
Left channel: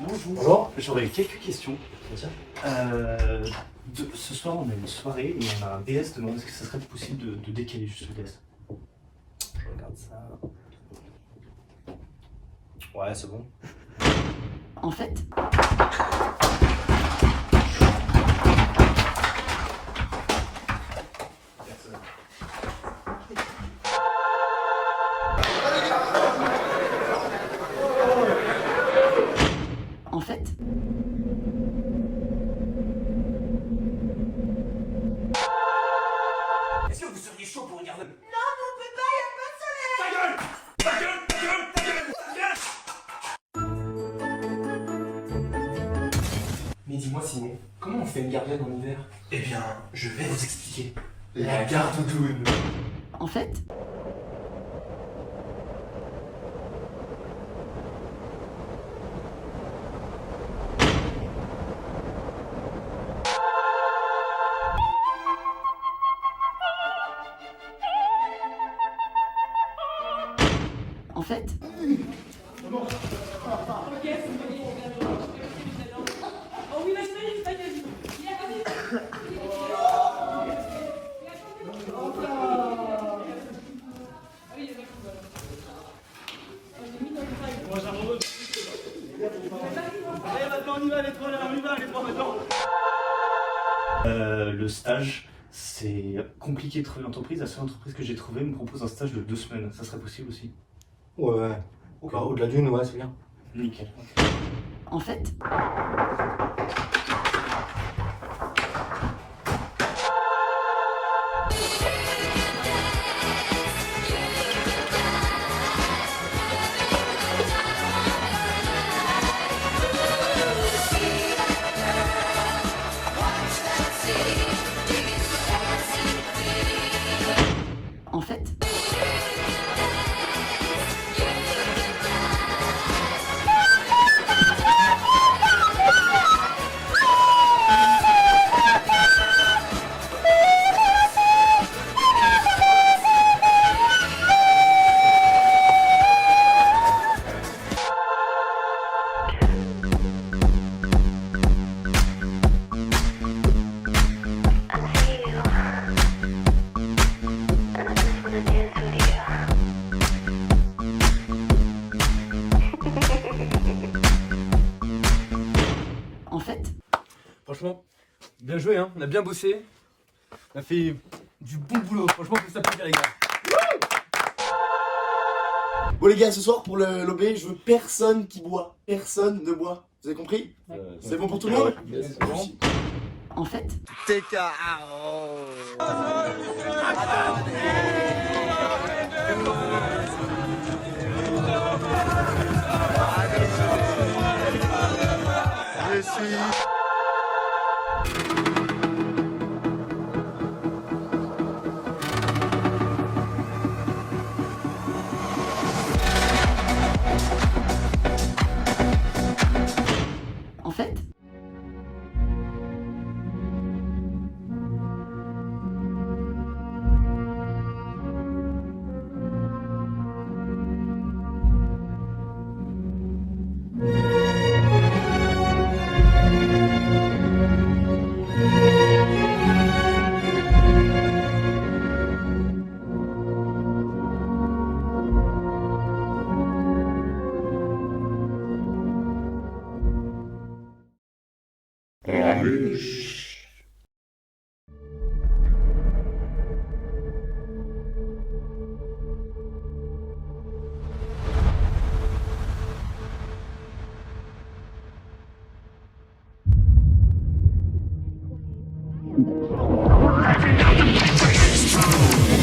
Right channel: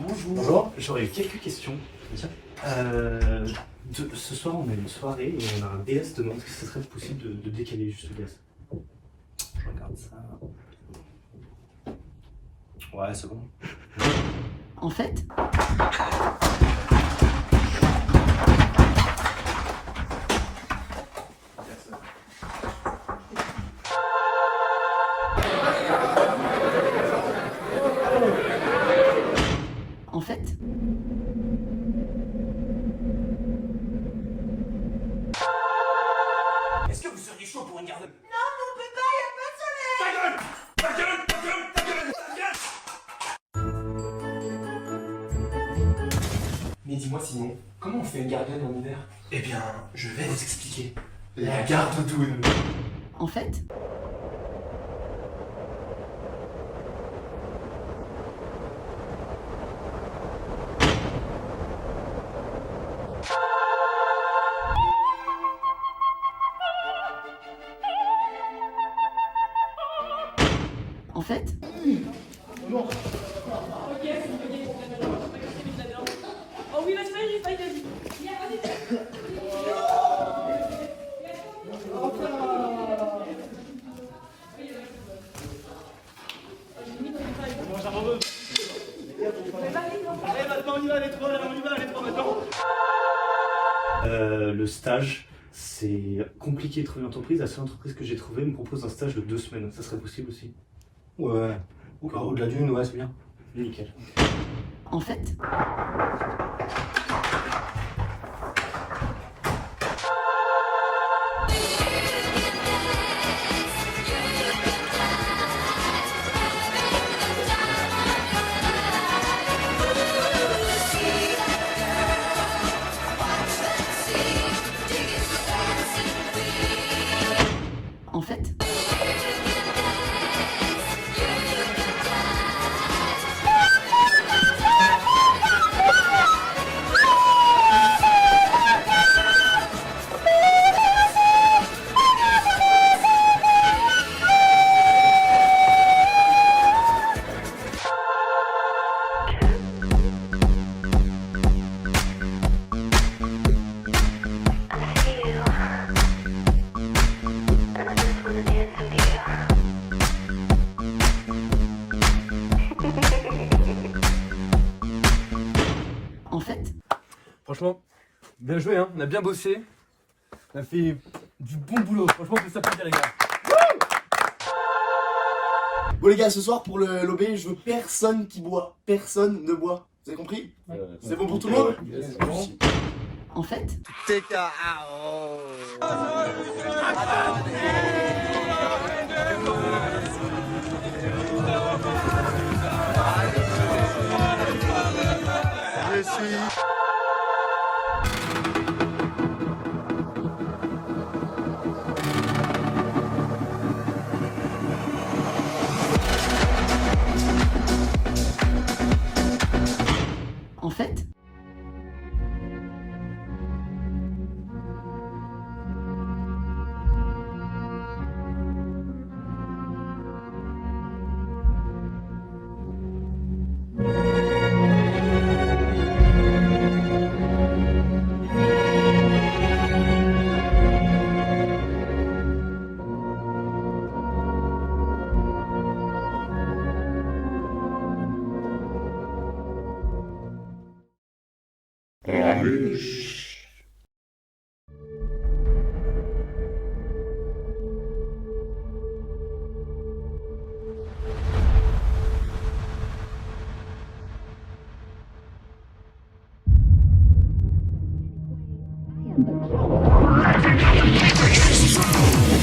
Bonjour, j'aurais quelques questions. Ce soir, on a une soirée et on a un DS demain. Est-ce que ce serait possible de décaler juste le DS? Je regarde ça. Ouais, c'est bon. En fait, Est-ce que vous seriez chaud pour regarder? Non, mais on peut pas, y'a pas de soleil! Ta gueule! Ta gueule! Ta gueule! Ta gueule! Mais dis-moi Simon, comment on fait une gardienne en hiver? Eh bien, je vais vous expliquer. La garde double. en fait, en fait, stage. C'est compliqué de trouver une entreprise. La seule entreprise que j'ai trouvée me propose un stage de 2 semaines. Ça serait possible aussi? Ouais. Encore au-delà d'une, ouais, c'est bien. Nickel. En fait, en fait, en fait, Franchement, bien joué, hein. On a bien bossé. On a fait du bon boulot. Franchement, on peut s'applaudir, les gars. Bon les gars, ce soir pour l'OB, je veux personne qui boit. Personne ne boit. Vous avez compris? C'est bon pour tout le monde? en fait, en fait,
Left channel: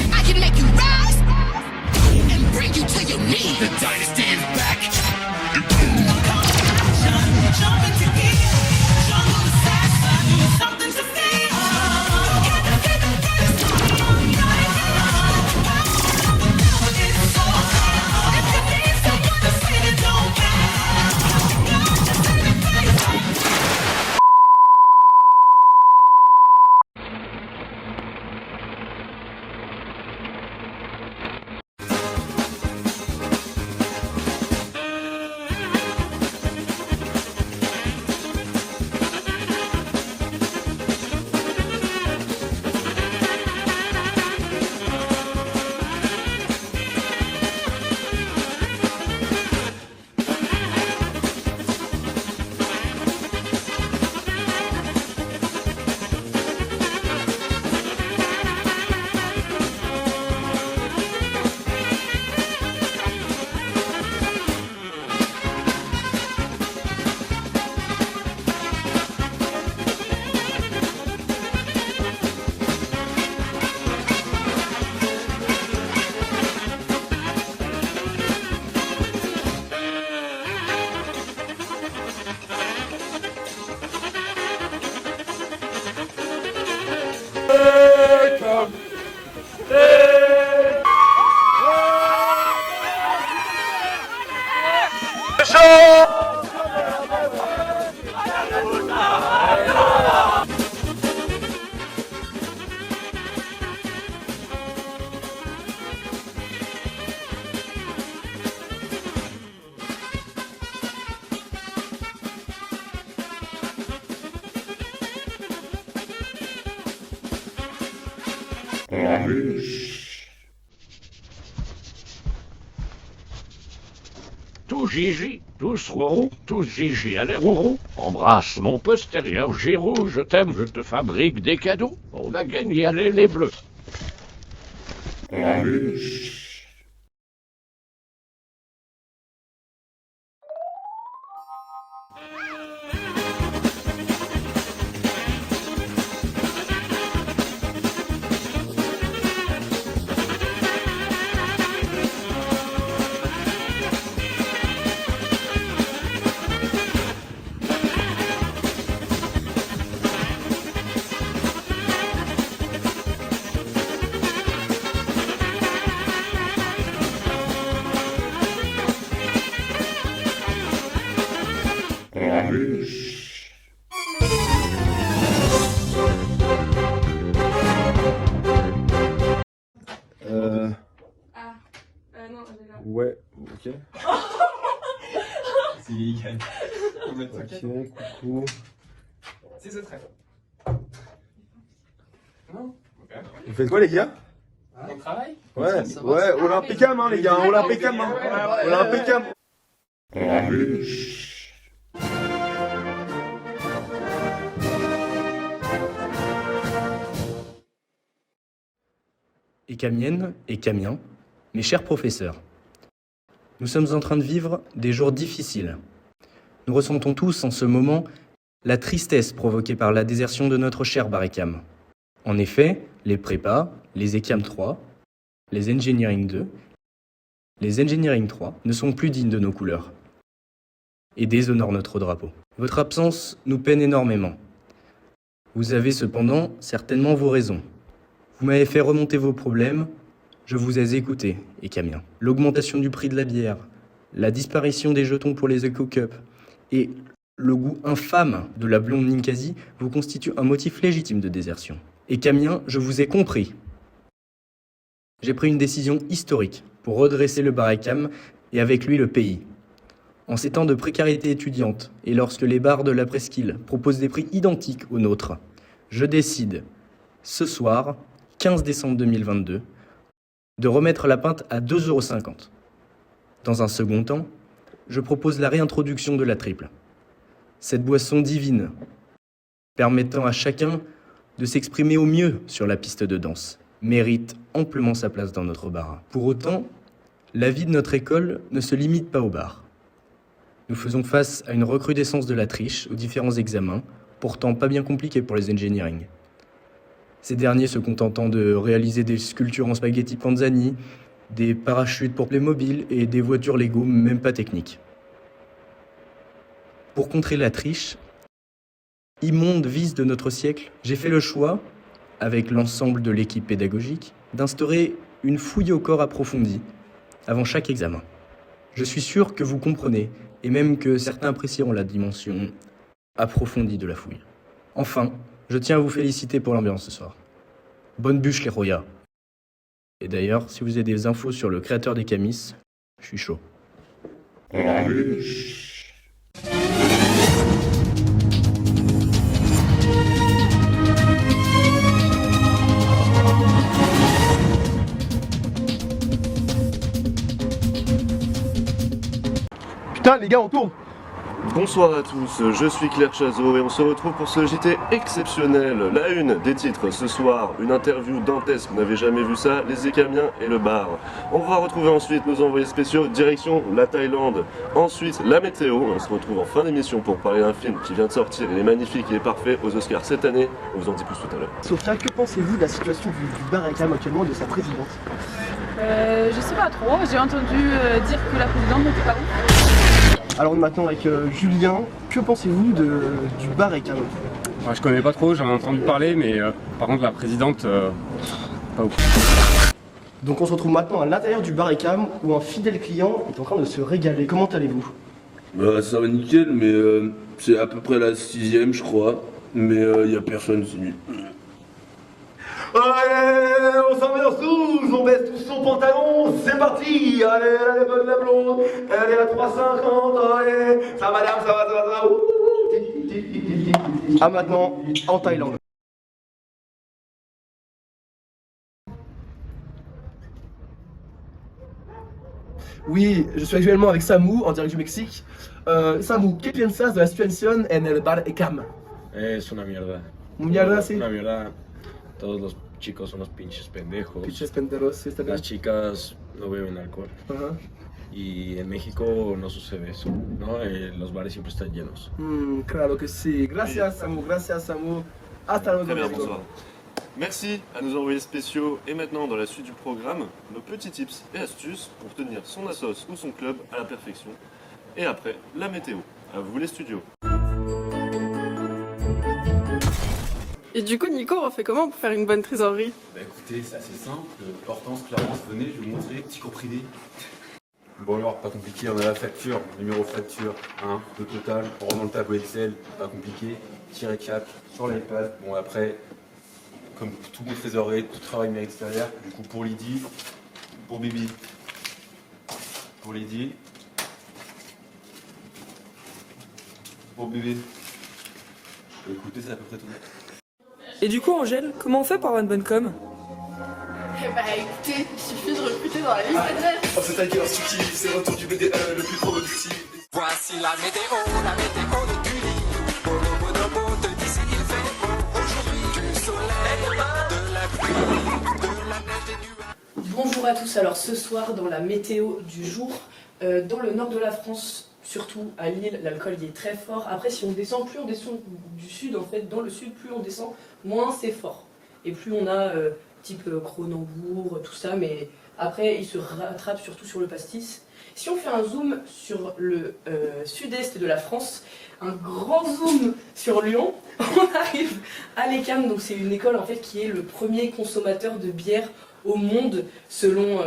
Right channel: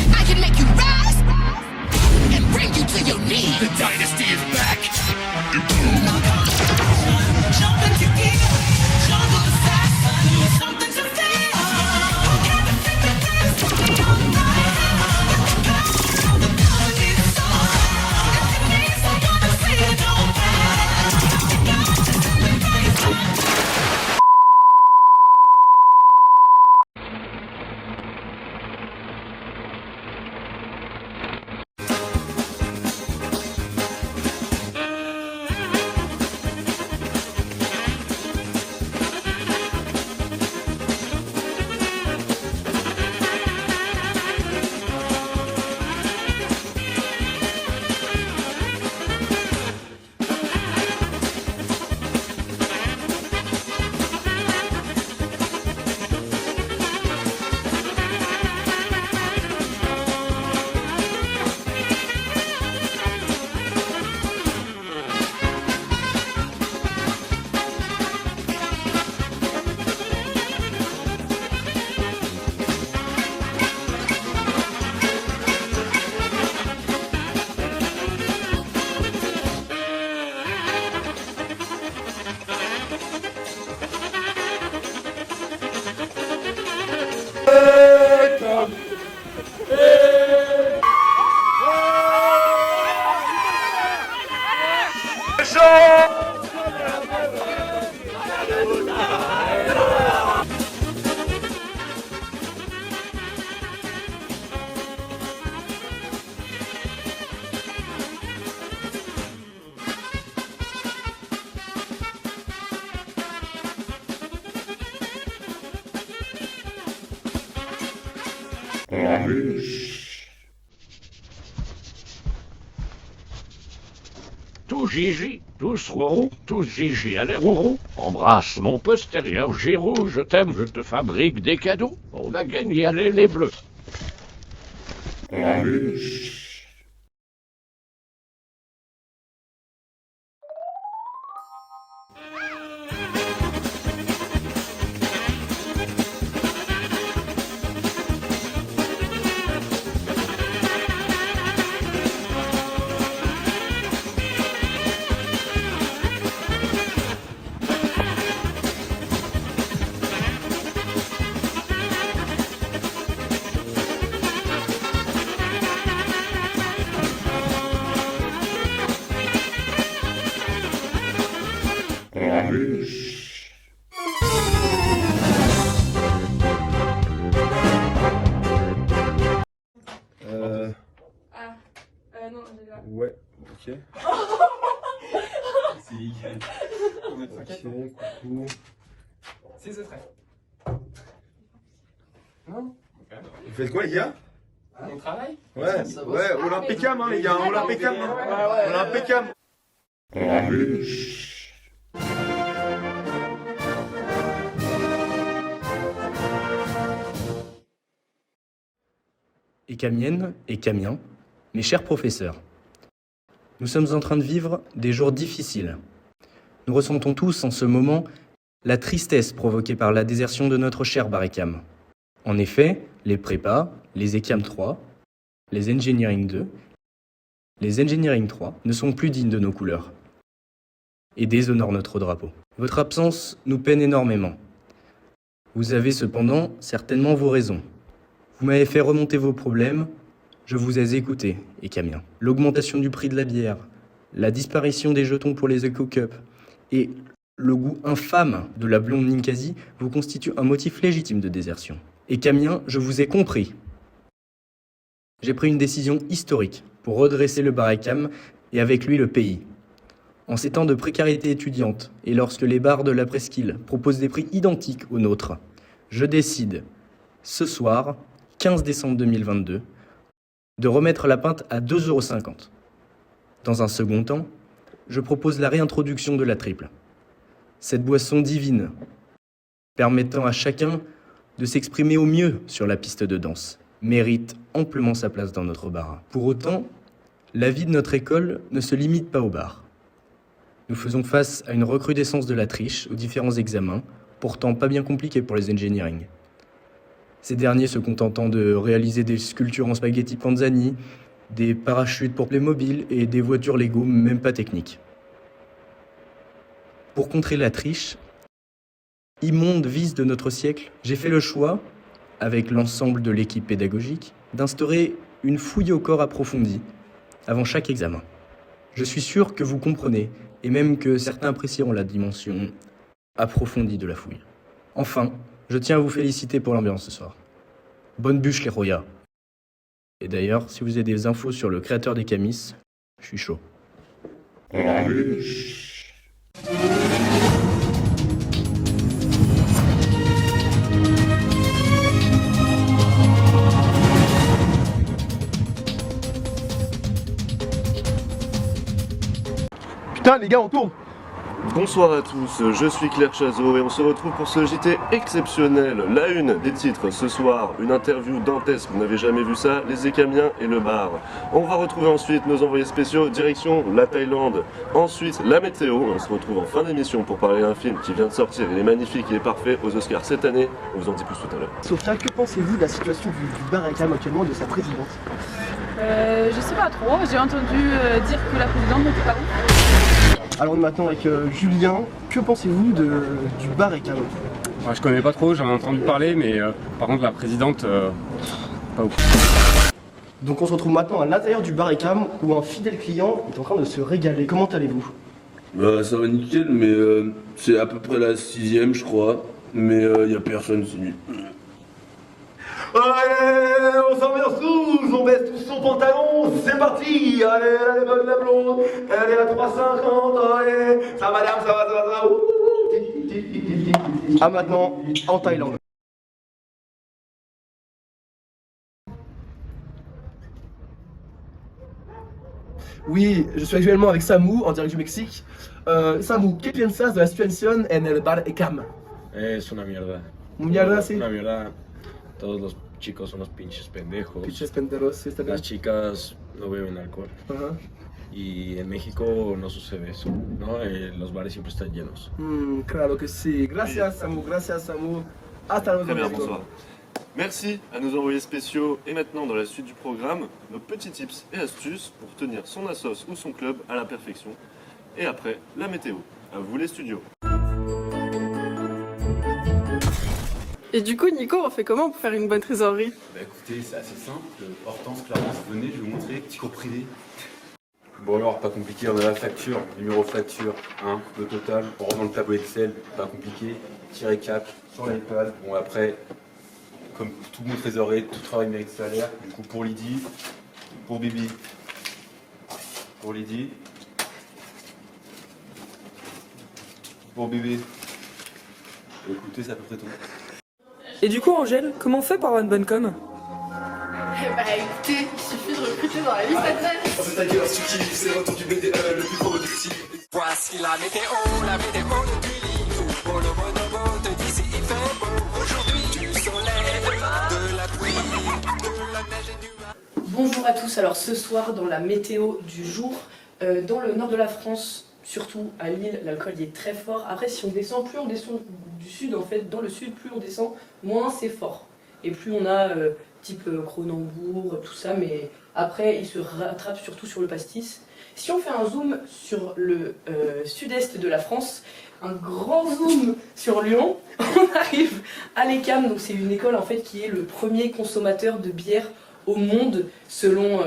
I can make you rise and bring you to your knees. The dynasty is back. Jumping together, jungle assassin, something to feel. Gotta take the dance, something on fire. Got all the melodies so high. If you need someone to say it, don't tous Gigi, tous Rourou, tous Gigi, allez Rourou. Embrasse mon postérieur Giroud, je t'aime, je te fabrique des cadeaux. On a gagné, allez les bleus. Ouais, ok. C'est illégal. Ok, coucou. C'est ce trait. Non. Vous faites quoi les gars? On travaille? Ouais, Olympicam hein les gars, Olympicam hein. Olympicam. Et Camienne et Camien, mes chers professeurs, nous sommes en train de vivre des jours difficiles. Nous ressentons tous en ce moment la tristesse provoquée par la désertion de notre cher Baricam. En effet, les prépas, les ECAM 3, les Engineering 2, les Engineering 3 ne sont plus dignes de nos couleurs et déshonorent notre drapeau. Votre absence nous peine énormément. Vous avez cependant certainement vos raisons. Vous m'avez fait remonter vos problèmes, je vous ai écouté, et Camien. L'augmentation du prix de la bière, la disparition des jetons pour les Eco-Cup et le goût infâme de la blonde Ninkasi vous constituent un motif légitime de désertion. Et Camien, je vous ai compris. J'ai pris une décision historique pour redresser le Baricam et avec lui le pays. En ces temps de précarité étudiante et lorsque les bars de la presqu'île proposent des prix identiques aux nôtres, je décide, ce soir, 15 décembre 2022, de remettre la pinte à 2,50 €. Dans un second temps, je propose la réintroduction de la triple. Cette boisson divine, permettant à chacun de s'exprimer au mieux sur la piste de danse, mérite amplement sa place dans notre bar. Pour autant, la vie de notre école ne se limite pas au bar. Nous faisons face à une recrudescence de la triche aux différents examens, pourtant pas bien compliqués pour les engineering. Ces derniers se contentant de réaliser des sculptures en spaghetti panzani, des parachutes pour Playmobil et des voitures Lego même pas techniques. Pour contrer la triche, immonde vice de notre siècle, j'ai fait le choix, avec l'ensemble de l'équipe pédagogique, d'instaurer une fouille au corps approfondie avant chaque examen. Je suis sûr que vous comprenez, et même que certains apprécieront la dimension approfondie de la fouille. Enfin, je tiens à vous féliciter pour l'ambiance ce soir. Bonne bûche les Roya. Et d'ailleurs, si vous avez des infos sur le créateur des camis, je suis chaud. Putain les gars, on tourne. Bonsoir à tous, je suis Claire Chazot et on se retrouve pour ce JT exceptionnel. La une des titres ce soir, une interview dantesque, vous n'avez jamais vu ça, les Écamiens et le bar. On va retrouver ensuite nos envoyés spéciaux, direction la Thaïlande. Ensuite la météo, on se retrouve en fin d'émission pour parler d'un film qui vient de sortir, il est magnifique, il est parfait aux Oscars cette année, on vous en dit plus tout à l'heure. Sofia, que pensez-vous de la situation du Baricam actuellement et de sa présidente? Je sais pas trop, j'ai entendu dire que la présidente n'était pas ouf. Alors on est maintenant avec Julien, que pensez-vous du Baricam? Je connais pas trop, j'en ai entendu parler, mais par contre la présidente, pas ouf. Donc on se retrouve maintenant à l'intérieur du Baricam où un fidèle client est en train de se régaler. Comment allez-vous? Ça va nickel, mais c'est à peu près la 6ème je crois, mais y a personne ici. Allez, on s'ambiance tous, on baisse tous son pantalon, c'est parti. Allez, allez, bonne la blonde, allez, à 350, allez, ça va, ça va, ça va, Ah maintenant, en Thaïlande. Oui, je suis actuellement avec Samu, en direct du Mexique. Samu, ¿qué piensas de la situación en el bar ECAM? Es una mierda. Mierda, sí. Una mierda. Todos los chicos son unos pinches pendejos. Pinches pendejos, sí, está bien. Las chicas no beben alcohol. Ajá. Y en México no sucede eso, ¿no? Los bares siempre están llenos. Claro que sí. Gracias, Samu. Gracias, Samu. Hasta luego. Très bien, bonsoir. Merci à nos envoyés spéciaux. Et maintenant, dans la suite du programme, nos petits tips et astuces pour tenir son assos ou son club à la perfection. Et après, la météo. À vous les studios. Et du coup, Nico, on fait comment pour faire une bonne trésorerie? Bah écoutez, c'est assez simple. Hortense, Clarence, venez, je vais vous montrer Tico Privé. Bon alors, pas compliqué, on a la facture, numéro facture, hein, le total, on rentre dans le tableau Excel, pas compliqué, petit récap sur l'iPad. Bon après, comme tout bon trésorier, tout travail mérite salaire. Du coup pour Lydie, pour Bibi, pour Lydie, pour bébé. Écoutez, c'est à peu près tout. Et du coup, Angèle, comment on fait pour avoir une bonne com? Eh bah écoutez, il suffit de recruter dans la liste adresse. Oh, c'est ta gueule, c'est le retour du BDE, le plus gros du site. Voici la météo de Tully. Pour le mot de beau de d'ici, il fait beau. Aujourd'hui, du soleil, de la pluie, de la neige et du... Bonjour à tous, alors ce soir dans la météo du jour, dans le nord de la France, surtout à Lille, l'alcool y est très fort. Après si on descend, plus on descend du sud en fait, dans le sud, plus on descend, moins c'est fort. Et plus on a type Cronenbourg, tout ça, mais après il se rattrape surtout sur le pastis. Si on fait un zoom sur le sud-est de la France, un grand zoom sur Lyon, on arrive à l'ECAM, donc c'est une école en fait qui est le premier consommateur de bière au monde selon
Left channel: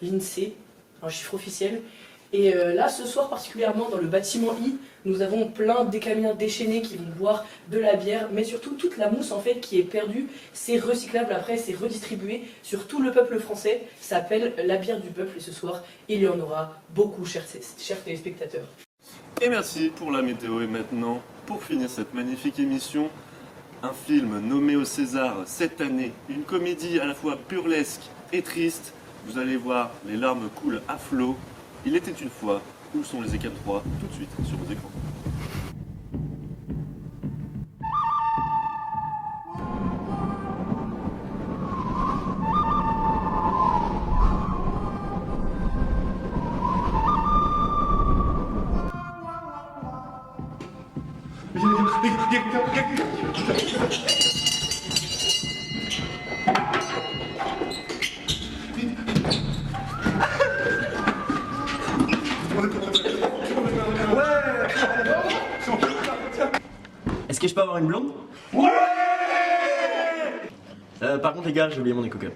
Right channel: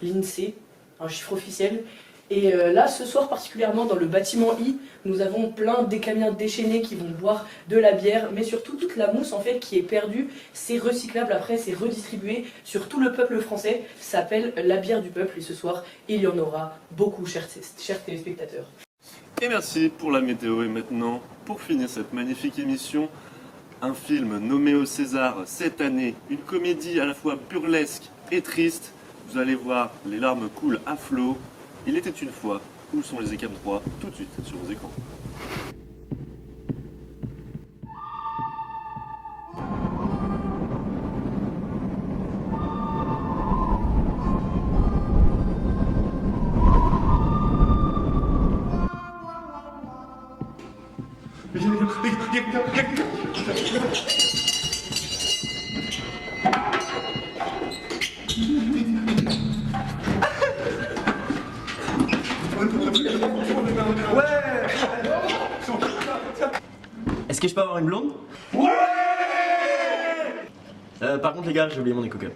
l'INSEE, un chiffre officiel. Et là, ce soir particulièrement dans le bâtiment I, nous avons plein d'écamiens déchaînés qui vont boire de la bière, mais surtout toute la mousse en fait qui est perdue, c'est recyclable après, c'est redistribué sur tout le peuple français. Ça s'appelle la bière du peuple et ce soir, il y en aura beaucoup, chers téléspectateurs. Et merci pour la météo. Et maintenant, pour finir cette magnifique émission, un film nommé au César cette année, une comédie à la fois burlesque et triste. Vous allez voir, les larmes coulent à flot. Il était une fois, où sont les ECAM 3, tout de suite sur vos écrans. Est-ce que je peux avoir une blonde? Ouais. Par contre les gars, j'ai oublié mon écouteur.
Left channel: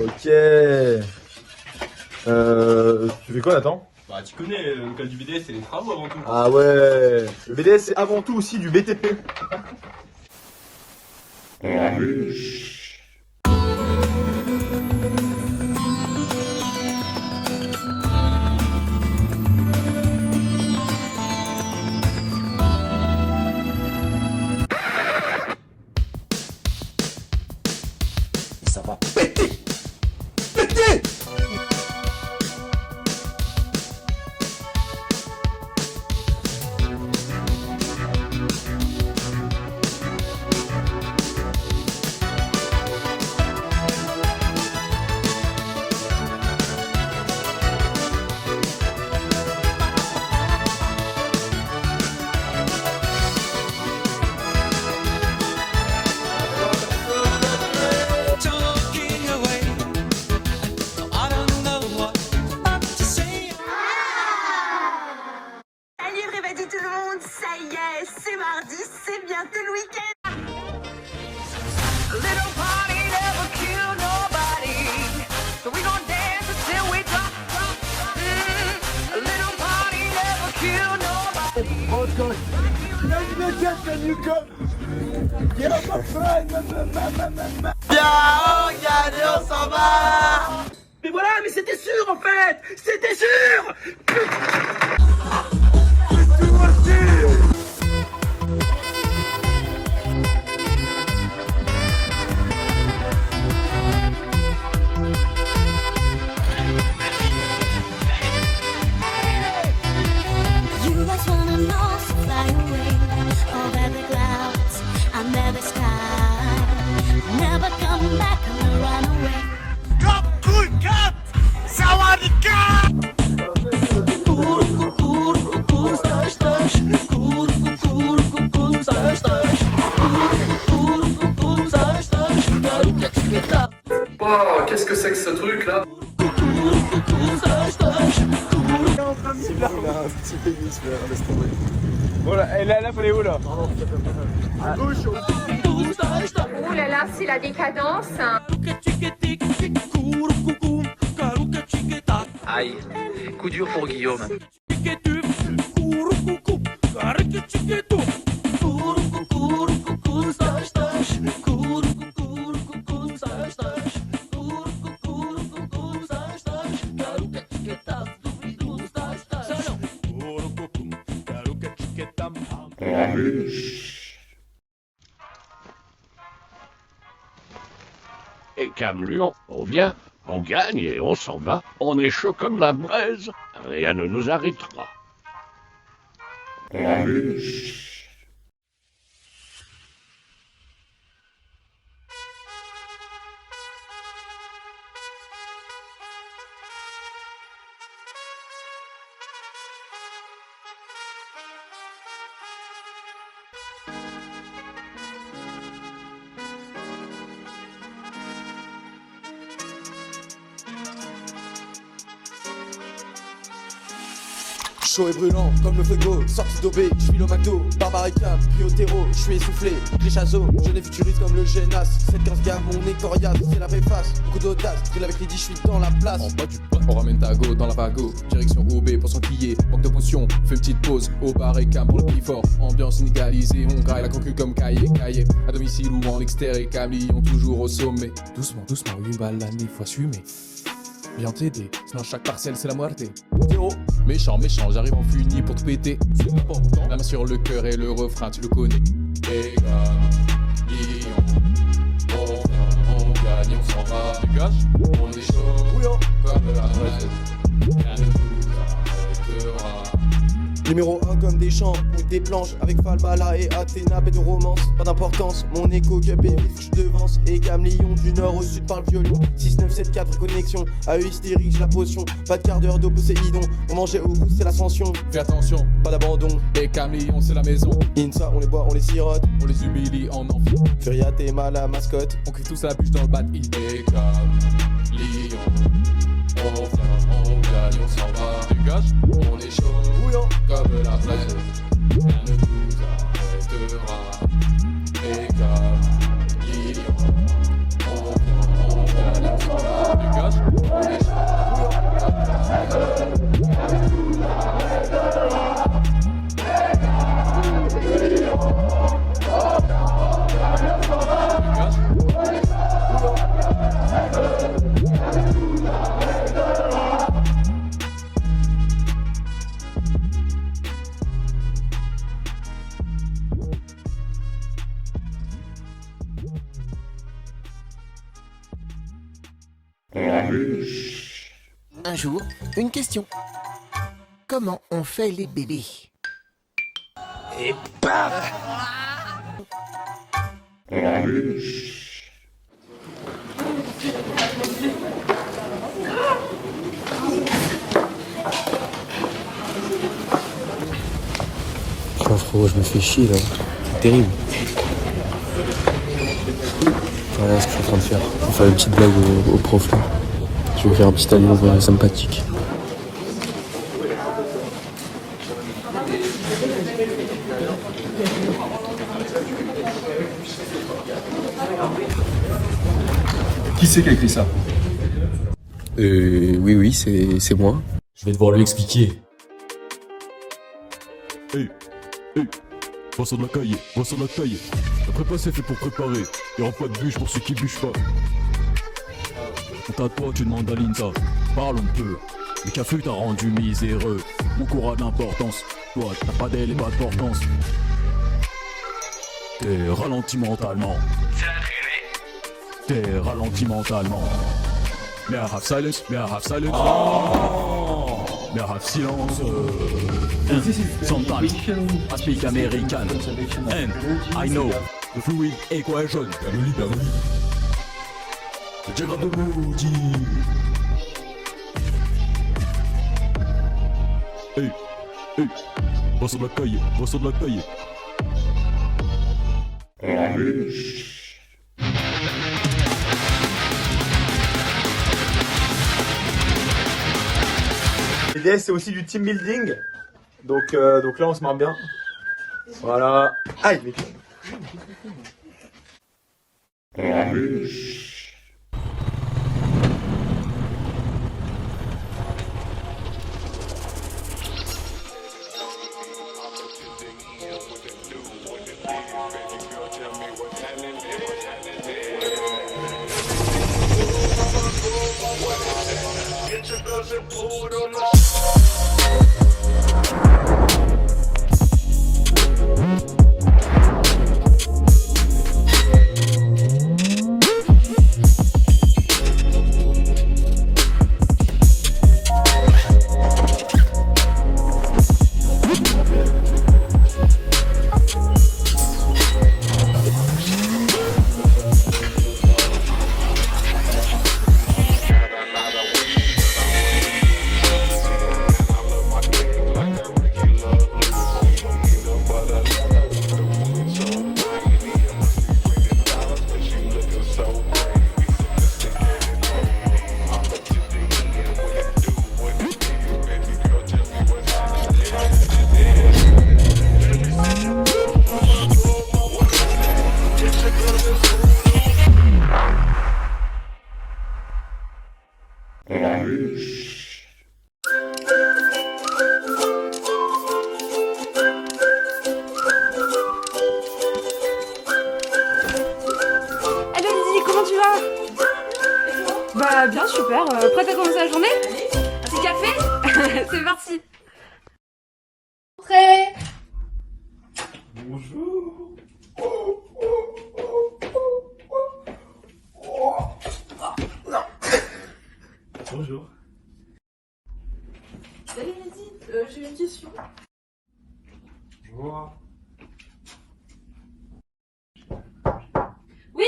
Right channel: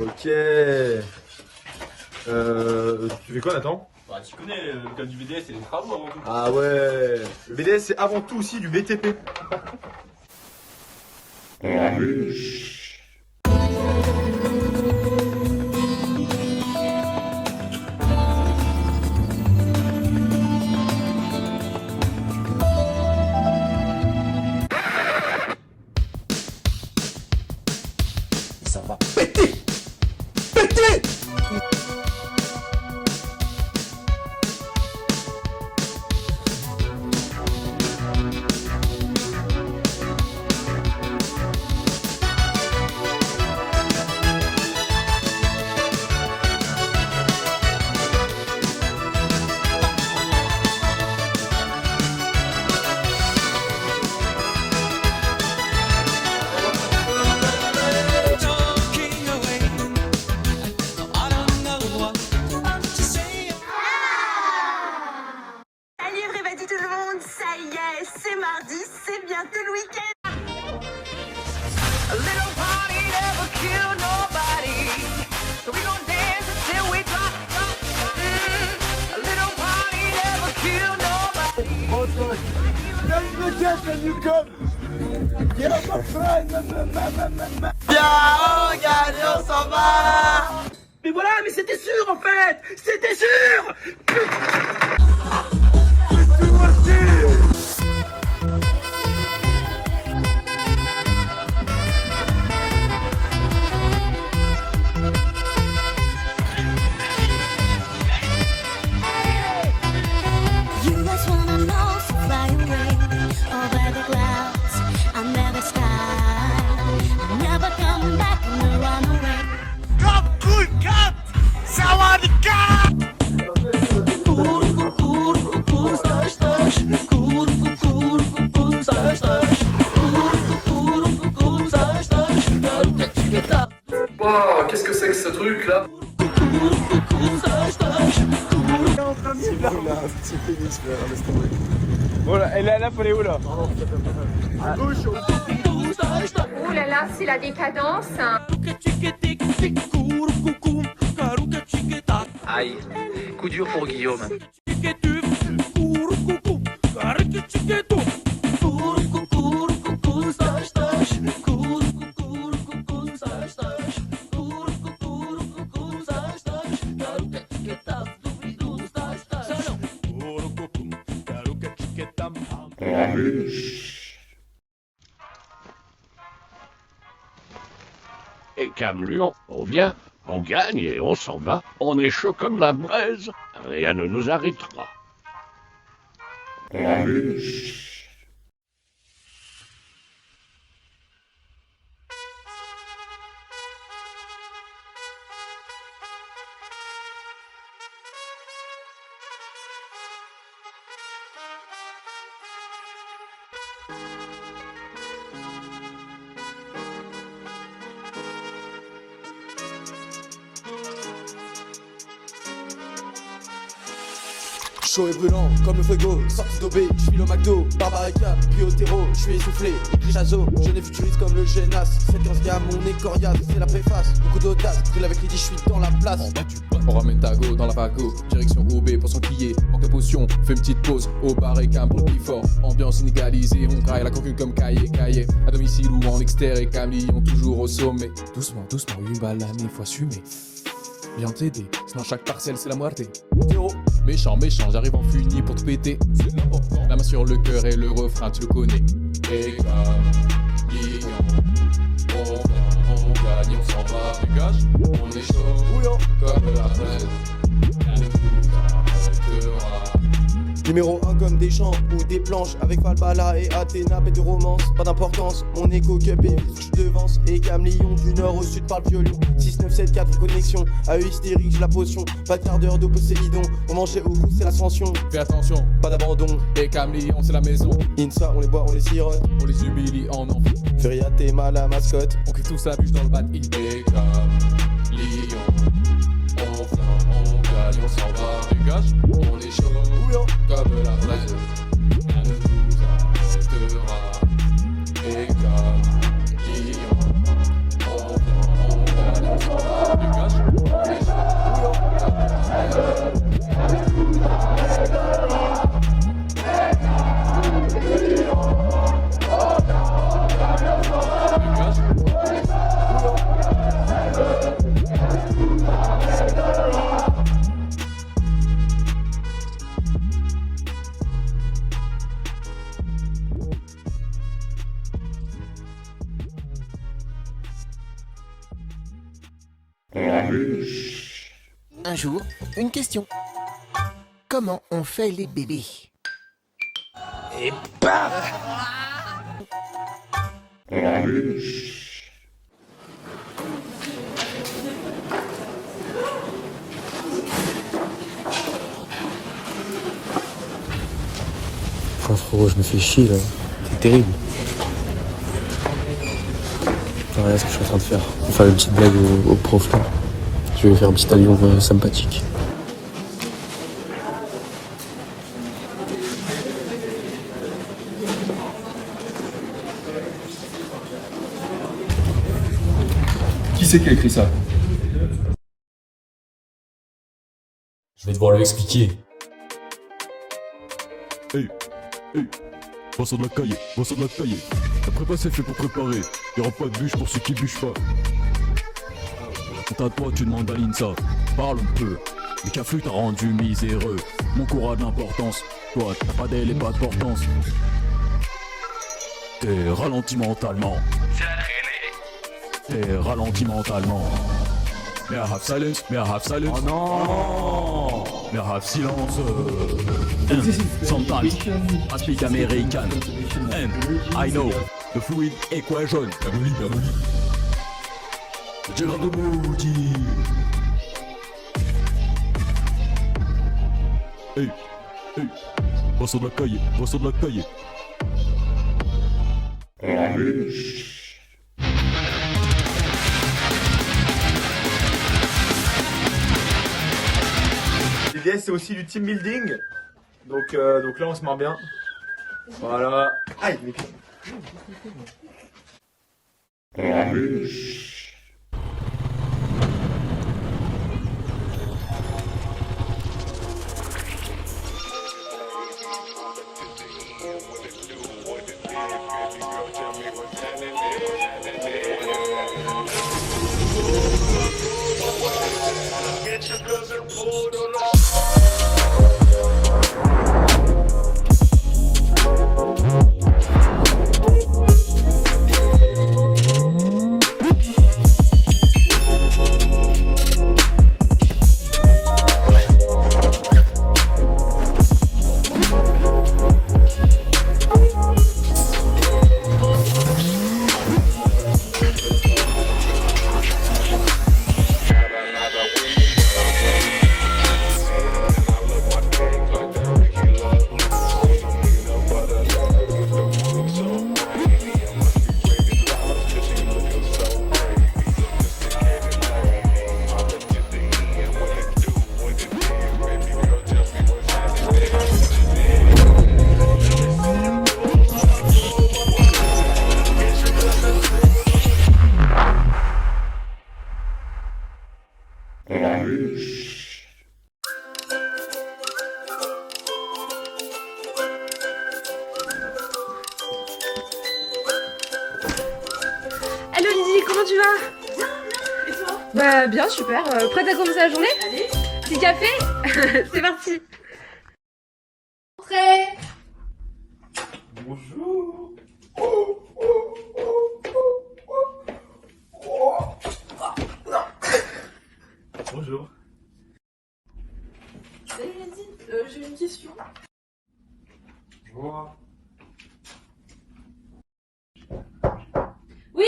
Ok. Tu fais quoi Nathan? Bah tu connais, le cas du BDS c'est des travaux avant tout. Ah ouais. Le BDS c'est avant tout aussi du BTP. Ça va péter! Péter! Allez, réveillez tout le monde, ça y est, c'est mardi, c'est bientôt le week-end. A little party never kill nobody, so we gon' dance until we drop. A little party never kill nobody. Bien, regardez, on s'en va. Mais voilà, mais c'était sûr en fait. C'était sûr. You was one of those who fly away over the clouds under the sky. Never come back and run away. Come, cool, come, Wow, qu'est-ce que c'est que ce truc là? Voilà, et là, faut aller où là? À gauche. Oh là là, c'est la décadence. Aïe, coup dur pour Guillaume. Et Camlion, on vient, on gagne et on s'en va. On est chaud comme la braise, rien ne nous arrêtera. Chaud et brûlant comme Fuego, sorti d'OB, je suis le McDo, Barbarica, puis au terreau, je suis essoufflé, Grijazo, je n'ai futuriste comme le Genas, 7-15 gamme, on est coriace, c'est la préface, beaucoup d'audace, brûle avec les 10, je suis dans la place. En bas du pot, on ramène ta go dans la pago, direction OB pour s'enquiller, manque de potion, fais petite pause, au Barbarica pour le plus fort, ambiance inégalisée, on graille la concu comme cahier, à domicile ou en extérieur et camion toujours au sommet, doucement, une balle l'année faut assumer. Viens t'aider, sinon chaque parcelle c'est la moitié. Zéro, méchant, j'arrive en funi pour te péter. C'est important. La main sur le cœur et le refrain, tu le connais. Et on gagne, on s'en va. Dégage, on est chaud, comme la reine. Rien ne nous arrêtera. Numéro 1 comme des champs ou des planches avec Falbala et Athéna, bête de romance, pas d'importance, mon écho que baby, je devance et Camlion du nord au sud par le violon, 6, 9, 7, 4 connexion, à eux hystérique, j'ai la potion, pas de quart d'heure d'eau Poséidon, on mangeait au goût c'est l'ascension, fais attention, pas d'abandon, et Camlion c'est la maison, Insa on les boit, on les sirote, on les humilie en envie, Furia Théma la mascotte, on cuve tous la bûche dans le bad il est Camlion, on vient, on gagne, on s'en va, dégage, on est chaud. Comme la reine, rien ne nous arrêtera. Et comme l'ignon, on gagne, on s'en va, dégage, on est chaud. Rien ne nous arrêtera. Un jour, une question. Comment on fait les bébés? Et paf! Franchement, je me fais chier là. C'est terrible. Voilà ce que je suis en train de faire. On va faire une petite blague au prof là. Je vais faire un petit alliance sympathique. Qui c'est qui a écrit ça? Oui, c'est moi. Je vais devoir lui expliquer. Hey, passe à la cahier, La prépa c'est fait pour préparer. Il n'y aura pas de bûche pour ceux qui bûchent pas. tout à toi, tu demandes à Linza. Parle un peu. Le café t'a rendu miséreux. Mon cours a de l'importance. Toi, t'as pas d'aile et pas d'importance. T'es ralenti mentalement. T'es ralenti mentalement. May I have silence? May I have silence? Oh! May I have silence? Sometimes I speak American. And I know the fluid equation. Gérard de Moody. Hey, hey, va sur la caille, va sur la caille. BDS c'est aussi du team building, donc là on se marre bien. Voilà. Aïe les gars. tu vas? Bah bien, super. Prête à commencer la journée? Petit café? C'est parti. Entrez. Bonjour. Bonjour. Salut Lydie, j'ai une question. Bonjour. Oui.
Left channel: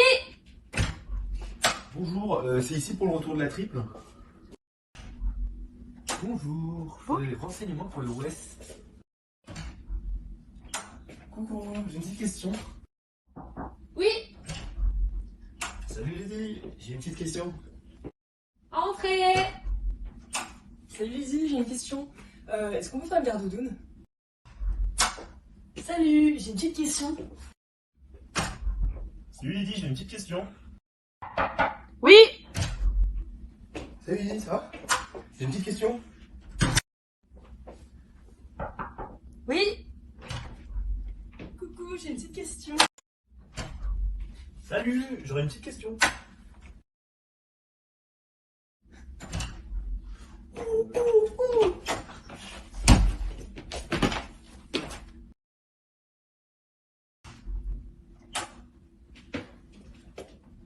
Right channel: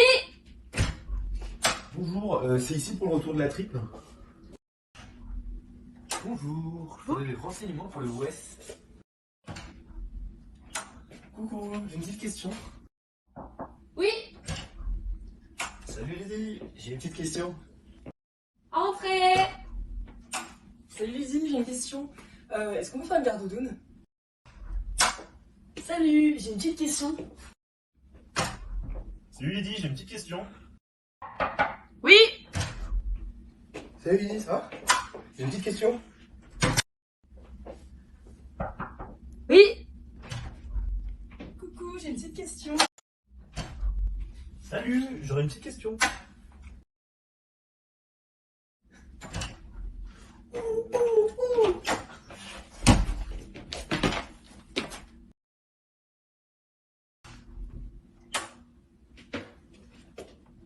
Bonjour, c'est ici pour le retour de la triple. Bonjour, je voulais les renseignements pour le Ouest. Coucou, j'ai une petite question. Oui. Salut Lydie, j'ai une petite question. Entrez. Salut Lydie, j'ai une question. Est-ce qu'on peut faire une garde doudoune? Salut, j'ai une petite question. Salut Lydie, j'ai une petite question. Oui. Salut Lydie, ça va? J'ai une petite question. Oui. Coucou, j'ai une petite question. Salut, j'aurais une petite question.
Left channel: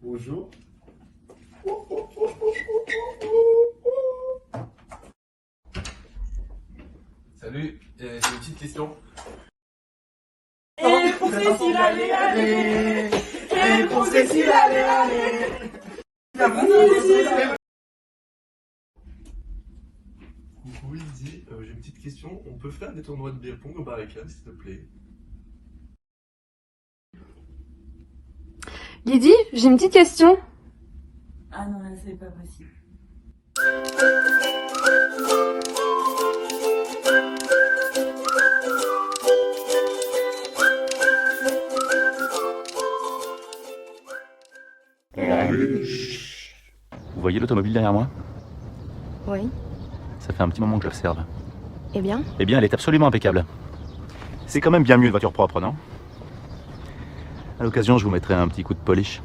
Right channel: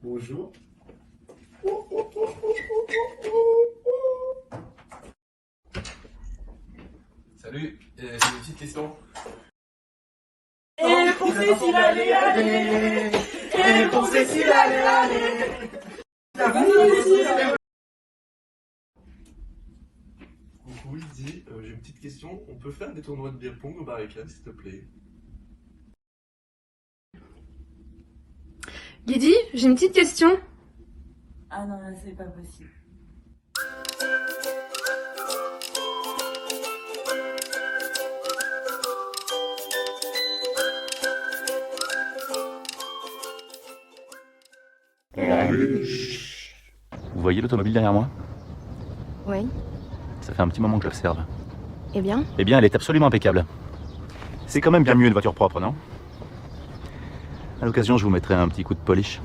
Bonjour. Salut, c'est une petite question. Et pour Cécile, allez, allez. Et pour Cécile, allez, allez. Coucou Lydie, j'ai une petite question. On peut faire des tournois de beer pong au Barricade, s'il te plaît? Lydie, j'ai une petite question. Ah non, là, c'est pas possible. Vous voyez l'automobile derrière moi? Oui. Ça fait un petit moment que j'observe. Eh bien? Eh bien, elle est absolument impeccable. C'est quand même bien mieux une voiture propre, non? À l'occasion, je vous mettrai un petit coup de polish.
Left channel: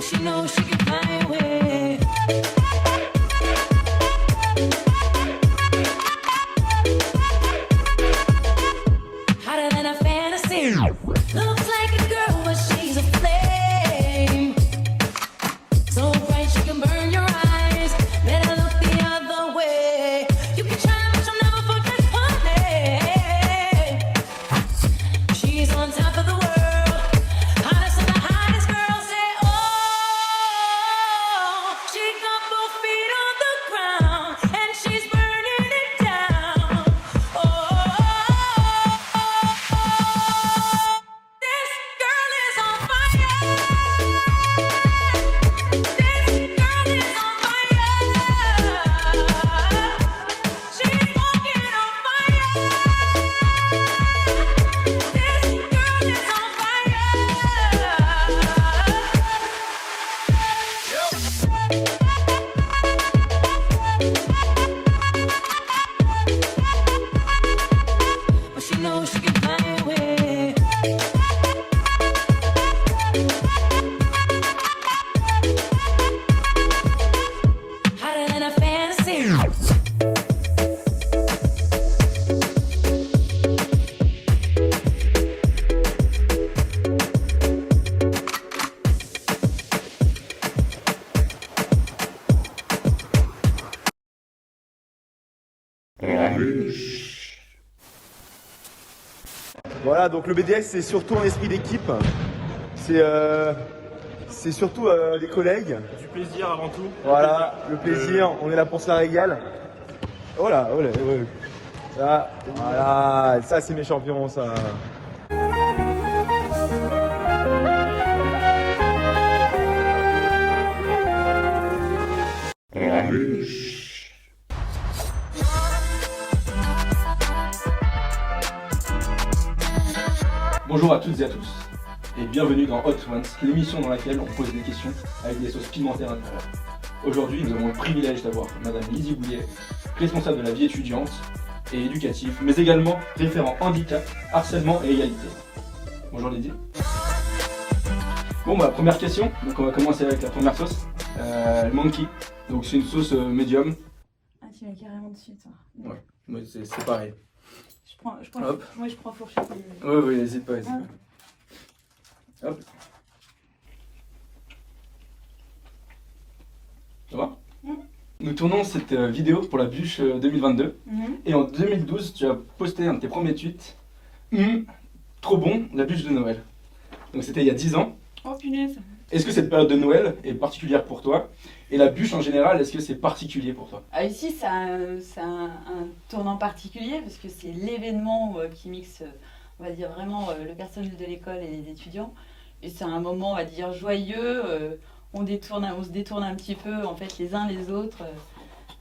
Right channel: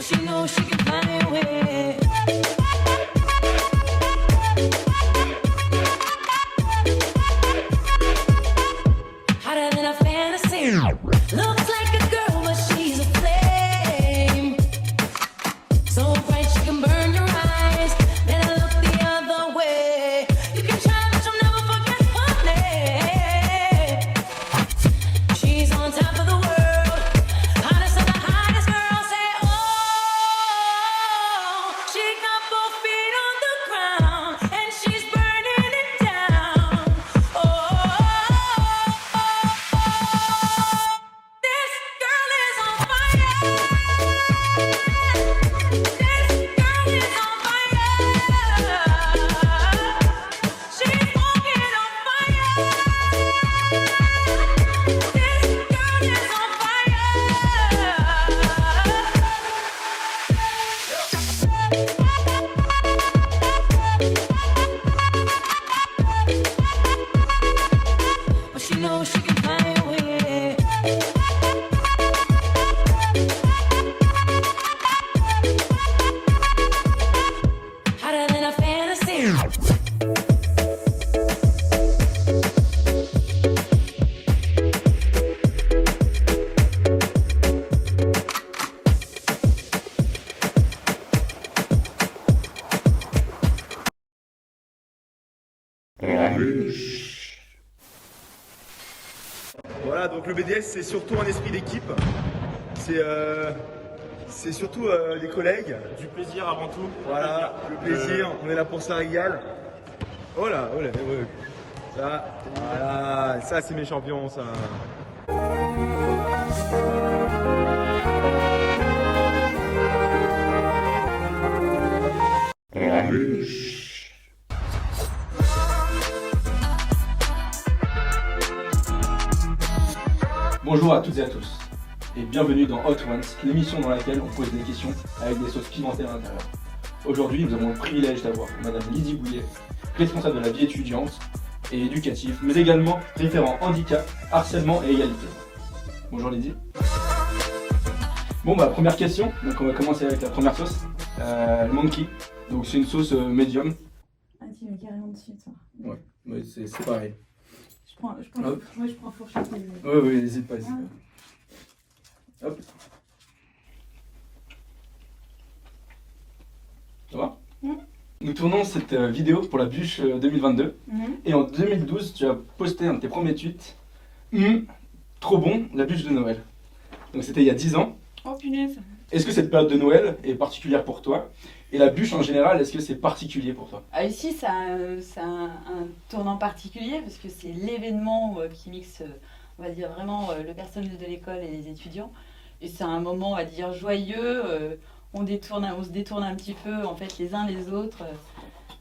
She knows she can find a way. Hotter than a fantasy. Looks like a girl, but she's a flame. So bright she can burn your eyes. Better look the other way. You can try, but you'll never forget one day. She's on top of the world. Hottest of the hottest girls. Say, oh, she got both feet on the ground and she's burning it down. This girl is on fire. This girl is on fire. She's walking on fire. This girl is on fire. But she knows she can fly away. Hotter than a fantasy. Voilà, donc le BDS c'est surtout un esprit d'équipe. C'est surtout les collègues. Du plaisir avant tout. Voilà, le plaisir, on est là pour ça régale. Voilà, voilà, voilà. Ça, voilà, ça c'est mes champions, ça. Bonjour à toutes et à tous, et bienvenue dans Hot Ones, l'émission dans laquelle on pose des questions avec des sauces pimentées à l'intérieur. Aujourd'hui, nous avons le privilège d'avoir Madame Lydie Bouillet, responsable de la vie étudiante et éducative, mais également référent handicap, harcèlement et égalité. Bonjour Lydie. Bon bah première question, donc on va commencer avec la première sauce, le monkey. Donc c'est une sauce médium. Ah, tu l'as carrément dessus, toi. Ouais, c'est pareil. Hop. Je prends fourchette. Oui, n'hésite pas, n'hésite pas. Hop. Ça va? Nous tournons cette vidéo pour la bûche 2022. Et en 2012, tu as posté un de tes premiers tweets. Trop bon, la bûche de Noël. Donc c'était il y a 10 ans. Oh punaise. Est-ce que cette période de Noël est particulière pour toi? Et la bûche en général, est-ce que c'est particulier pour toi? Ah, ici, ça a un tournant particulier parce que c'est l'événement qui mixe, on va dire vraiment le personnel de l'école et les étudiants. Et c'est un moment à dire joyeux. On se détourne un petit peu en fait les uns les autres.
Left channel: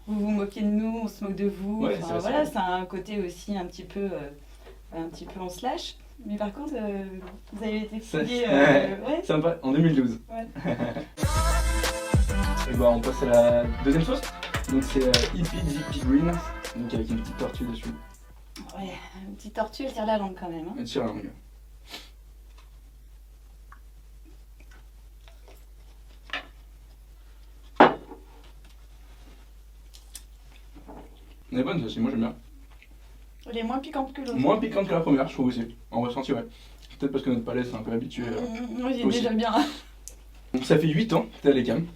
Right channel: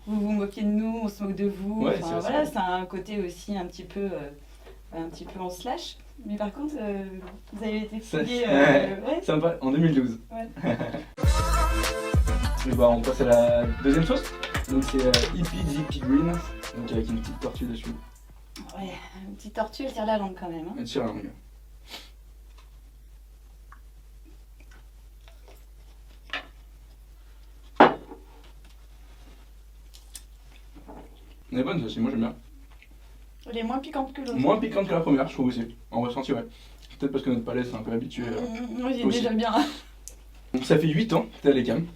Vous vous moquez de nous, on se moque de vous. Ouais, Enfin, voilà, c'est un côté aussi un petit peu on se lâche. Mais par contre, vous avez été fouillé. Ouais. Sympa, en 2012. Ouais. Et bah on passe à la deuxième sauce. Donc c'est Hippie Jippie Green, donc avec une petite tortue dessus. Ouais, une petite tortue, elle tire la langue quand même. Hein. Elle tire la langue. Elle est bonne aussi, moi j'aime bien. Elle est moins piquante que l'autre. Moins piquante que la première, je trouve aussi. En ressenti, ouais. Peut-être parce que notre palais s'est un peu habitué. Oui, aussi. déjà bien. Donc ça fait 8 ans que t'es à l'ECAM.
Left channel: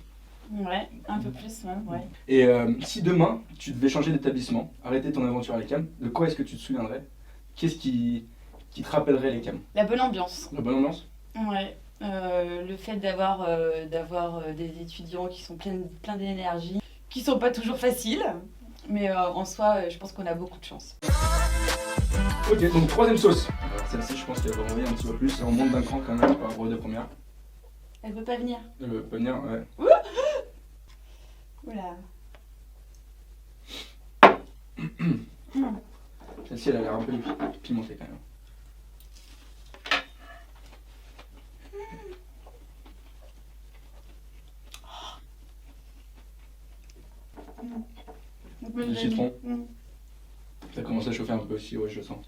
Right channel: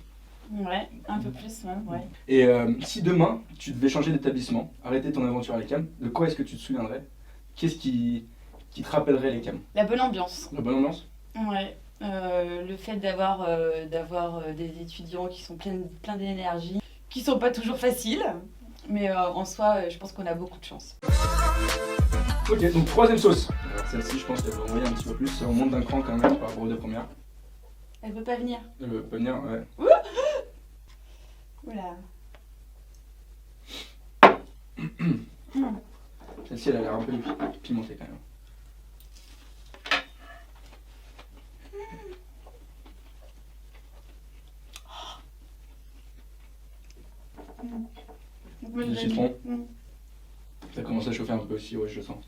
Ouais, un peu plus, ouais. Et si demain, tu devais changer d'établissement, arrêter ton aventure à l'ECAM, de quoi est-ce que tu te souviendrais? Qu'est-ce qui te rappellerait l'ECAM? La bonne ambiance. La bonne ambiance? Ouais. Le fait d'avoir des étudiants qui sont pleins d'énergie, qui sont pas toujours faciles, mais en soi, je pense qu'on a beaucoup de chance. Ok, donc troisième sauce. Celle-ci, je pense qu'elle va envoyer un petit peu plus, ça remonte d'un cran quand même par rapport aux deux premières. Elle peut pas venir. Elle veut pas venir, ouais. Oula. Celle-ci, elle a l'air un peu pimentée quand même. Du citron. Ça commence à chauffer un peu aussi, ouais, je le sens.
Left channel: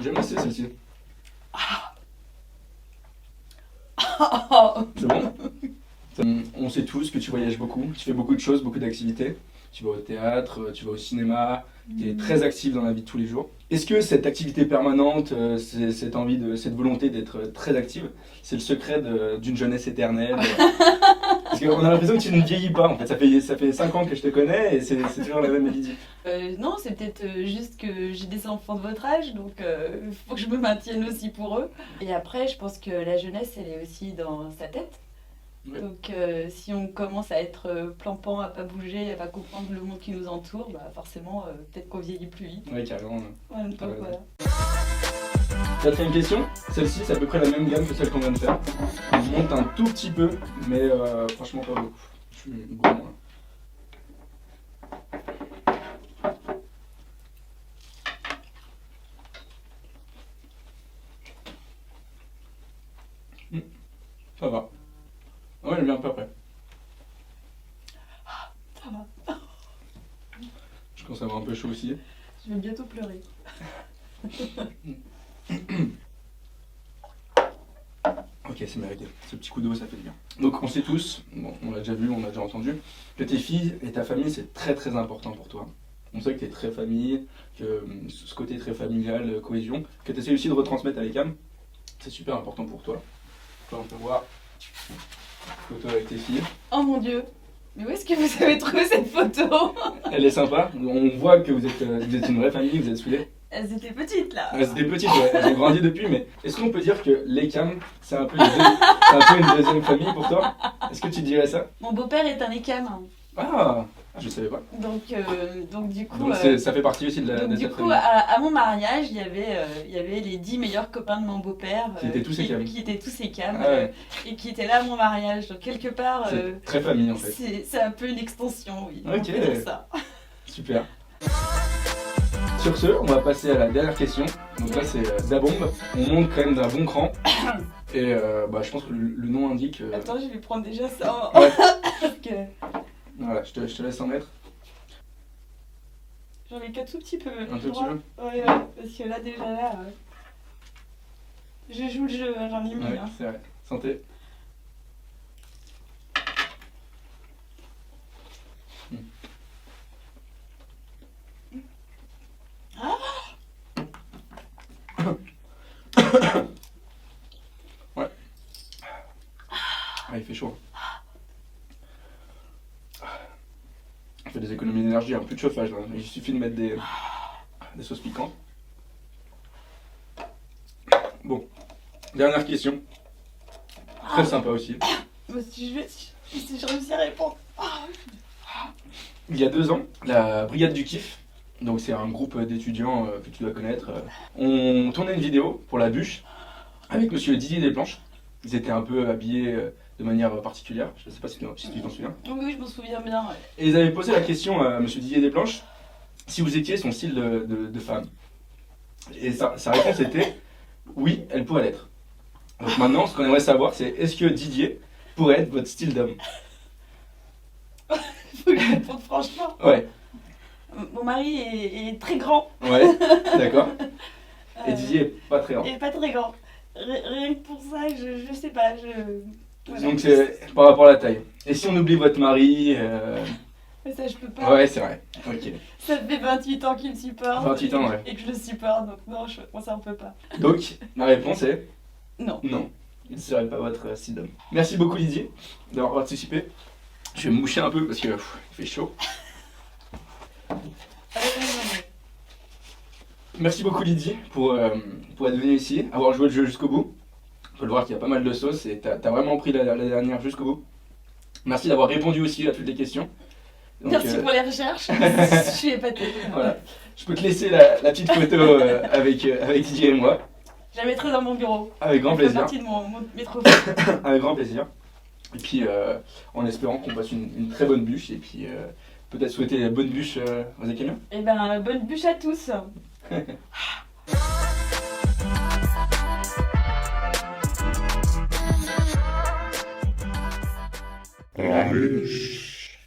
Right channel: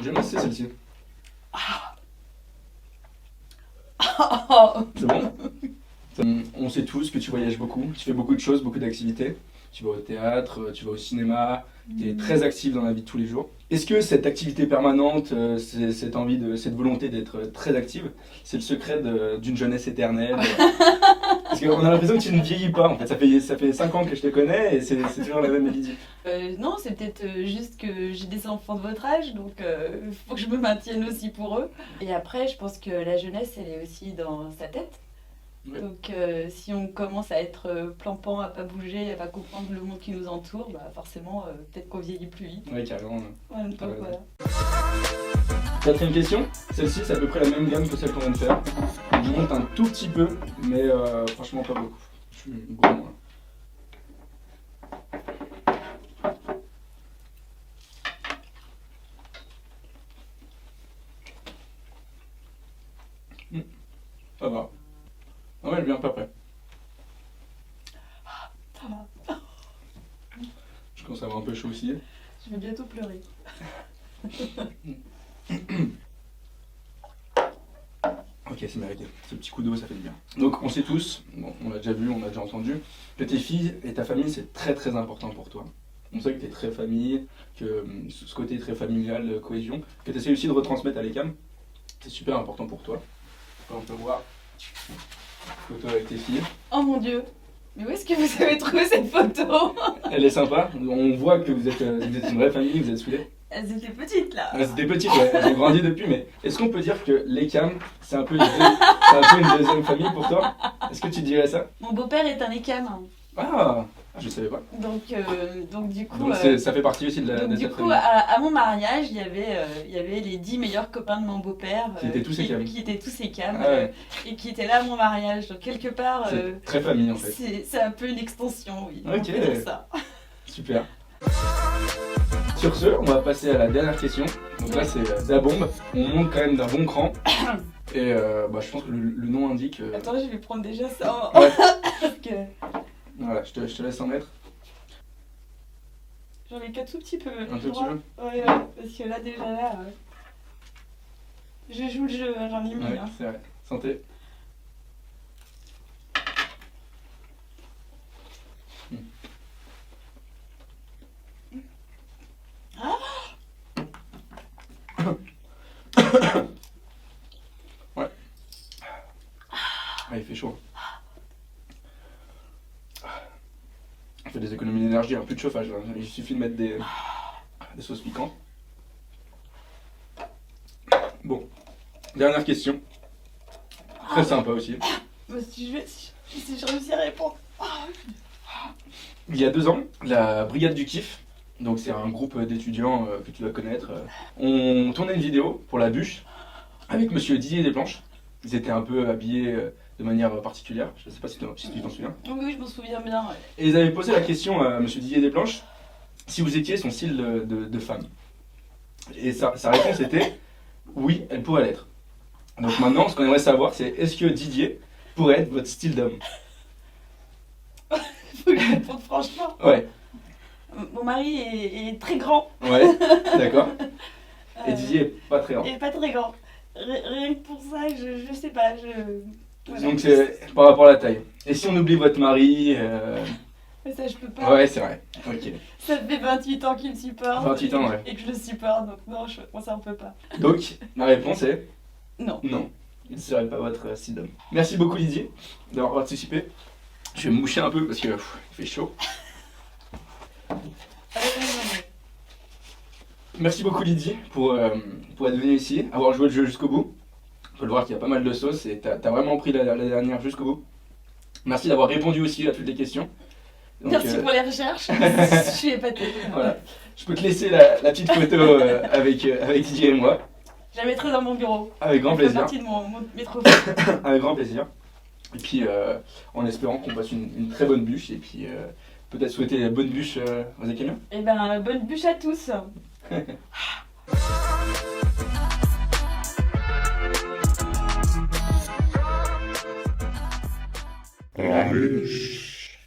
J'aime assez celle-ci. C'est bon. On sait tous que tu voyages beaucoup, tu fais beaucoup de choses, beaucoup d'activités. Tu vas au théâtre, tu vas au cinéma, tu es très actif dans la vie de tous les jours. Est-ce que cette activité permanente, cette volonté d'être très active, c'est le secret d'une jeunesse éternelle? Parce qu'on a l'impression que tu ne vieillis pas, en fait. Ça fait 5 ans que je te connais et c'est toujours la même Lydie. Non, c'est peut-être juste que j'ai des enfants de votre âge, donc faut que je me maintienne aussi pour eux. Et après, je pense que la jeunesse, elle est aussi dans sa tête. Ouais. Donc si on commence à être plan-pan, à pas bouger, à pas comprendre le monde qui nous entoure, bah forcément, peut-être qu'on vieillit plus vite. Oui, carrément. Ouais, donc voilà. Quatrième question, celle-ci c'est à peu près la même gamme que celle qu'on vient de faire. On monte un tout petit peu, mais franchement pas beaucoup. Je suis gourmand. Ça va. Ouais, elle vient à peu près. Je commence à avoir un peu chaud aussi. Je vais bientôt pleurer. Ok, c'est mérité. Ce petit coup d'eau, ça fait du bien. Donc, on sait tous, bon, on l'a déjà vu, on l'a déjà entendu, que tes filles et ta famille, c'est très très important pour toi. On sait que t'es très famille, que ce côté très familial, de cohésion, que tu essaies aussi de retransmettre à l'ECAM, c'est super important pour toi. On peut voir photo avec tes filles. Oh mon dieu! Mais où est-ce que vous avez trouvé cette photo? Elle est sympa, on voit que vous êtes une vraie famille, vous êtes soudés. Elles étaient petites là. Elles étaient petites, ouais. Elles ont grandi depuis, mais est-ce qu'on peut dire que l'ECAM, c'est un peu une deuxième famille pour toi? Est-ce que tu dirais ça? Mon beau-père est un ECAM. Ah, je savais pas. Donc du coup... Donc ça fait partie aussi de cette famille. Du coup, à mon mariage, il y avait les 10 meilleurs copains de mon beau-père qui étaient tous ECAM. Qui étaient tous ECAM ouais. Et qui étaient là à mon mariage. Donc quelque part... c'est très famille en fait. C'est un peu une extension, oui. Ok. On peut dire ça. Super. Sur ce, on va passer à la dernière question. Donc là, c'est la bombe. On monte quand même d'un bon cran. Et je pense que le nom indique... Attends, je vais prendre déjà ça. Ouais. Parce que... Voilà, je te laisse en mettre. J'en ai qu'un tout petit peu. Un tout petit peu? Ouais, parce que là, déjà là... Je joue le jeu, hein, j'en ai mis. Ouais, hein. c'est vrai. Santé. Ouais. Ah, il fait chaud. On fait des économies d'énergie, un peu de chauffage là. Il suffit de mettre des sauces piquantes. Bon, dernière question. Très sympa aussi. Si je réussis à répondre. Il y a 2 ans, la Brigade du Kiff, donc c'est un groupe d'étudiants que tu vas connaître, on tournait une vidéo pour la bûche avec monsieur Didier Desplanches. Ils étaient un peu habillés de manière particulière, je ne sais pas si tu t'en souviens. Oui, je m'en souviens bien. Ouais. Et ils avaient posé la question à monsieur Didier Desplanches si vous étiez son style de femme. Et sa réponse était oui, elle pourrait l'être. Donc maintenant, ce qu'on aimerait savoir, c'est est-ce que Didier pourrait être votre style d'homme? Faut que je réponde franchement. Ouais. Mon mari est très grand. Ouais, d'accord. Et Didier est pas très grand. Il est pas très grand. Rien que pour ça, je sais pas. Voilà. Donc c'est par rapport à la taille. Et si on oublie votre mari Mais ça, je peux pas. Ouais, c'est vrai. Ok. Ça fait 28 ans qu'il me supporte. 28 ans, ouais. Et que je le supporte, donc non, moi ça on peut pas. Donc, ma réponse est non. Non. Il ne serait pas votre style d'homme. Merci beaucoup Didier d'avoir participé. Je vais me moucher un peu parce que il fait chaud. Merci beaucoup Lydie pour être venue ici, avoir joué le jeu jusqu'au bout. On peut le voir qu'il y a pas mal de sauce et t'as vraiment pris la dernière jusqu'au bout. Merci d'avoir répondu aussi à toutes les questions. Donc, merci pour les recherches, je suis épatée. Voilà. Je peux te laisser la petite photo avec Didier et moi. Je la mettrai dans mon bureau. Avec grand plaisir. Ça fait partie de mes trophées. Avec grand plaisir. Et puis en espérant qu'on passe une très bonne bûche et puis peut-être souhaiter bonne bûche aux Écamiens. Et ben bonne bûche à tous. La bûche.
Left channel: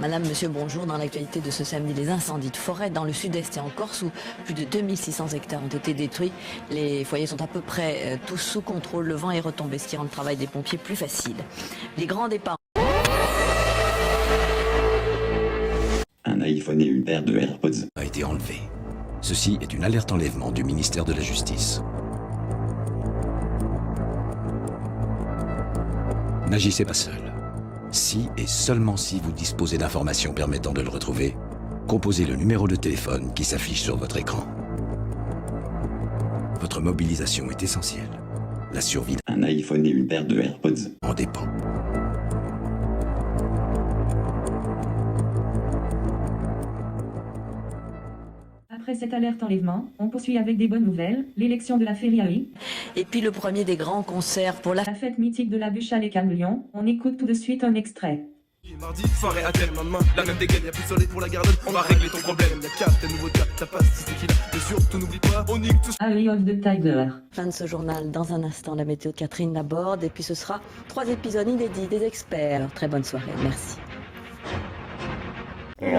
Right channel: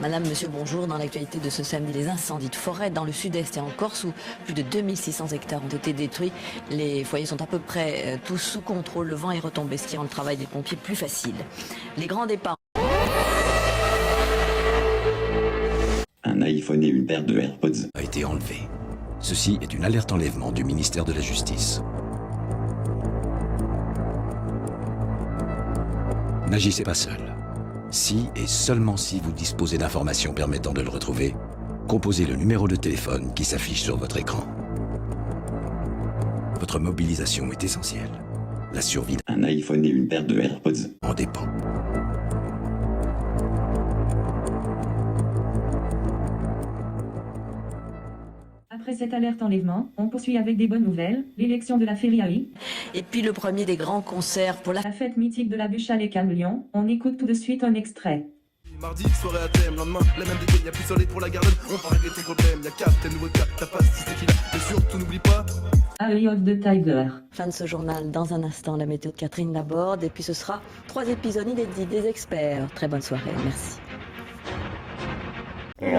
Madame, monsieur, bonjour. Dans l'actualité de ce samedi, des incendies de forêt dans le sud-est et en Corse où plus de 2600 hectares ont été détruits. Les foyers sont à peu près tous sous contrôle. Le vent est retombé, ce qui rend le travail des pompiers plus facile. Les grands départs. Un iPhone et une paire de AirPods a été enlevé. Ceci est une alerte enlèvement du ministère de la Justice. N'agissez pas seul. Si et seulement si vous disposez d'informations permettant de le retrouver, composez le numéro de téléphone qui s'affiche sur votre écran. Votre mobilisation est essentielle. La survie d'un iPhone et une paire de AirPods en dépend. Après cette alerte enlèvement, on poursuit avec des bonnes nouvelles, l'élection de la Feriali. Et puis le premier des grands concerts pour La fête mythique de la bûche à Lyon. On écoute tout de suite un extrait. Mardi, soirée à thème, lendemain, la même dégaine, y'a plus de soleil pour la garde, on va régler ton problème, y'a cap, t'as nouveau tap, t'as pas si c'est Gilles, et surtout n'oublie pas, on nique tout. Eye of the Tiger. Fin de ce journal, dans un instant, la méthode Catherine Laborde, et puis ce sera 3 épisodes inédits des experts. Très bonne soirée, merci. Oui.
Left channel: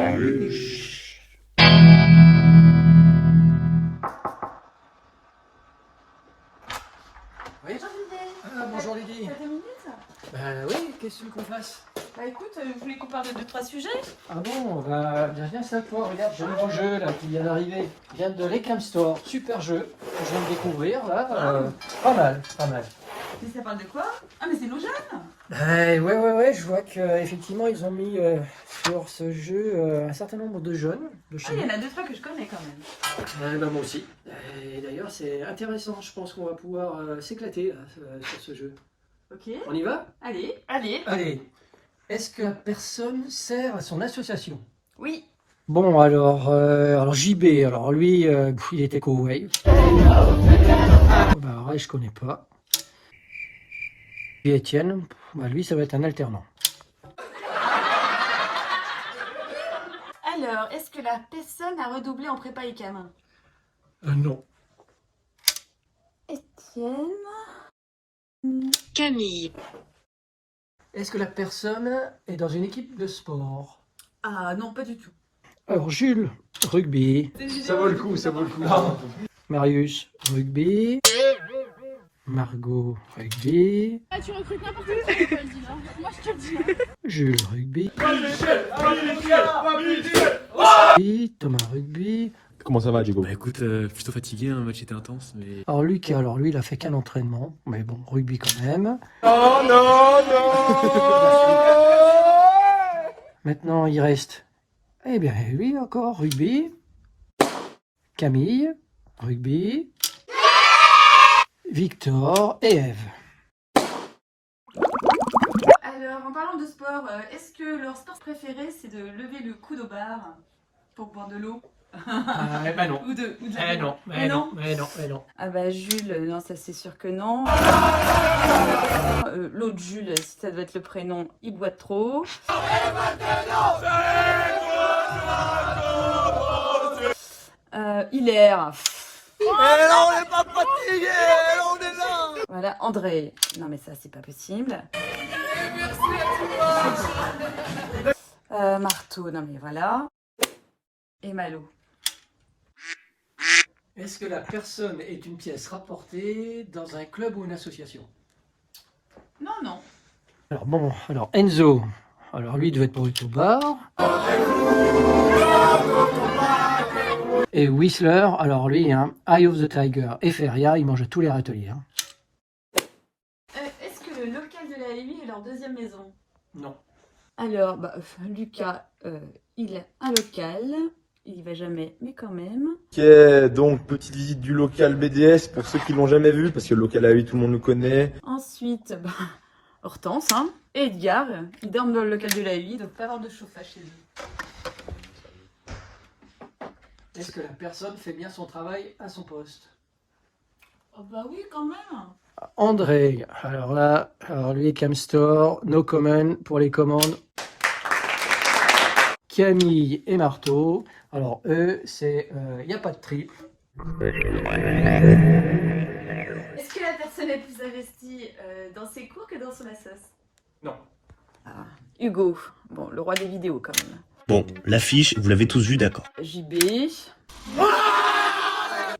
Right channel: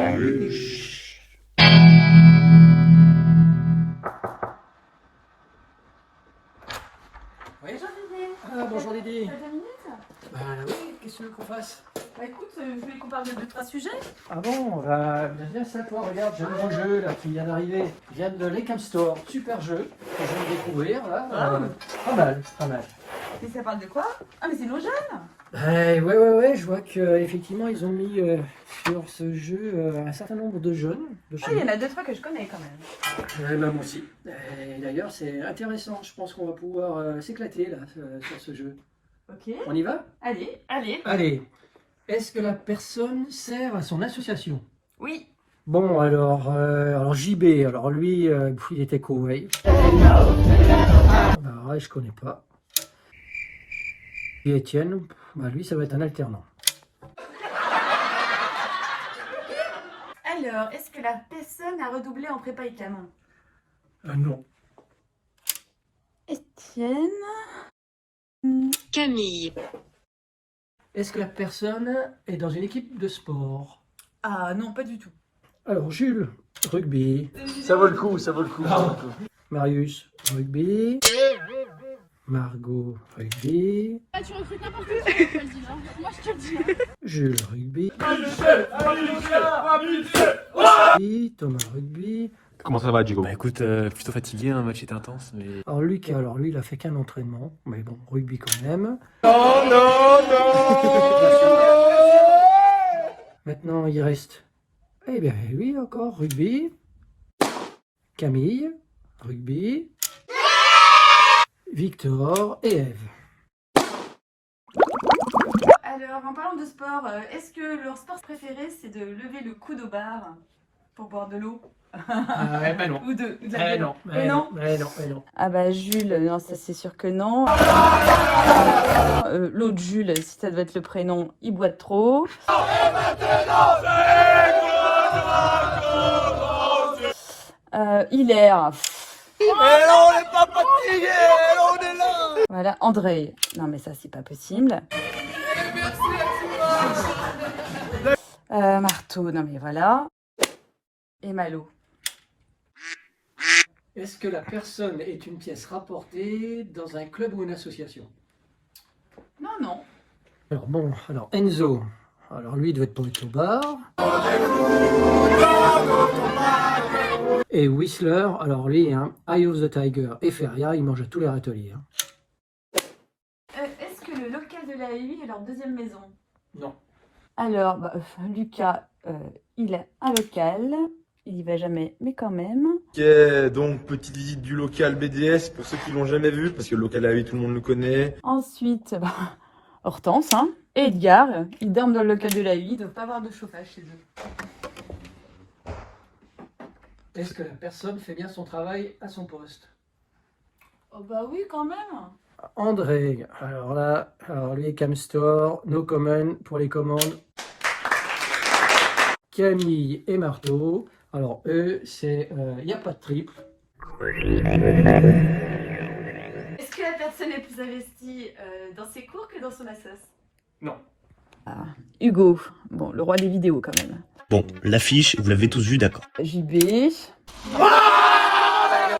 Ah, bonjour Lydie. T'as 2 minutes? Bah oui, qu'est-ce que tu veux qu'on fasse? Bah écoute, vous voulez qu'on parle de 2-3 sujets? Ah bon, bienvenue à toi, regarde, j'ai un nouveau jeu là qui vient d'arriver. Il vient de l'Ecam Store, super jeu, que je viens de découvrir là. Pas mal. Et ça parle de quoi? Ah mais c'est nos jeunes! Ouais, je vois qu'effectivement ils ont mis sur ce jeu un certain nombre de jeunes. Il y en a 2-3 que je connais quand même. Ouais, bah moi aussi. Et d'ailleurs c'est intéressant, je pense qu'on va pouvoir s'éclater là sur ce jeu. Ok. On y va? Allez. Allez. Est-ce que la personne sert à son association? Oui. Bon, alors JB, alors lui, il était co-way. Bah, ouais, je connais pas. Et Étienne, bah, lui, ça va être un alternant. Alors, est-ce que la personne a redoublé en prépa ICAM? Non. Étienne. Camille. Est-ce que la personne est dans une équipe de sport? Ah non, pas du tout. Alors Jules, rugby. Ça vaut le coup. Marius, rugby. Margot, rugby. Ah, tu recrutes n'importe qui, moi je te le dis. Jules, rugby. Thomas, rugby. Comment ça va, Diego? Bah écoute, plutôt fatigué, un match était intense, mais... Alors lui, il a fait qu'un entraînement, mais bon, rugby quand même. Non. Maintenant, il reste, eh bien, lui encore, rugby. Camille, rugby. Victor et Eve. Alors, en parlant de sport, est-ce que leur sport préféré c'est de lever le coude au bar pour boire de l'eau? Bah non. Ou de la non. Ah bah Jules, non, ça c'est sûr que non. L'autre Jules, si ça doit être le prénom, il boit trop. Hilaire. Mais non, on n'est pas fatigué, on est là. Voilà, André. Non mais ça c'est pas possible. Marteau, non mais voilà. Et Malo. Est-ce que la personne est une pièce rapportée dans un club ou une association? Non. Alors Enzo, alors lui il doit être pour au bar. Et Whistler, alors lui, hein, Eye of the Tiger et Feria, ils mangent à tous les râteliers. Hein. Est-ce que le local de la UI est leur deuxième maison? Non. Alors, Lucas, il a un local. Il y va jamais, mais quand même. Ok, donc petite visite du local BDS pour ceux qui l'ont jamais vu, parce que le local AUI, tout le monde le connaît. Ensuite, Hortense, hein, et Edgar, ils dorment dans le local de la UI, ils ne doivent pas avoir de chauffage chez eux. Est-ce que la personne fait bien son travail à son poste? Oh bah oui, quand même. André, alors là, lui, Camstore, no comment pour les commandes. Camille et Marteau, alors eux, c'est, il n'y a pas de triple. Est-ce que la personne est plus investie dans ses cours que dans son assos? Non. Hugo, bon, le roi des vidéos quand même. Bon, l'affiche, vous l'avez tous vue, d'accord. JB.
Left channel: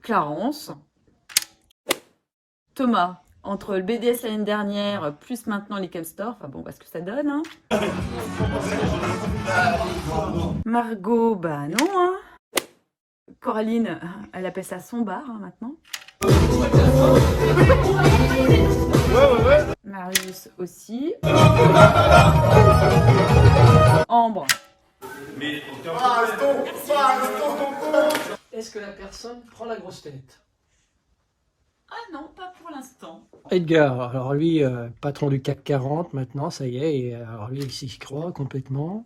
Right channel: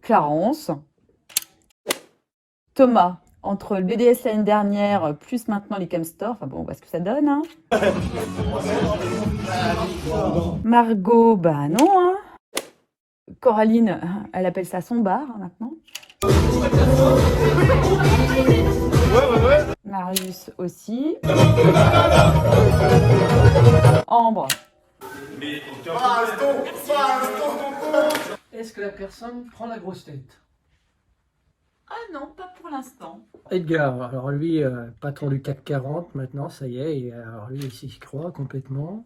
Clarence. Thomas, entre le BDS l'année dernière, plus maintenant les Camstore, enfin bon, on voit ce que ça donne, hein. Margot, bah non, hein. Coraline, elle appelle ça son bar, hein, maintenant. Marius aussi. Ambre. Est-ce que la personne prend la grosse tête? Ah non, pas pour l'instant. Edgar, alors lui, patron du CAC 40 maintenant, ça y est, et alors lui, il s'y croit complètement.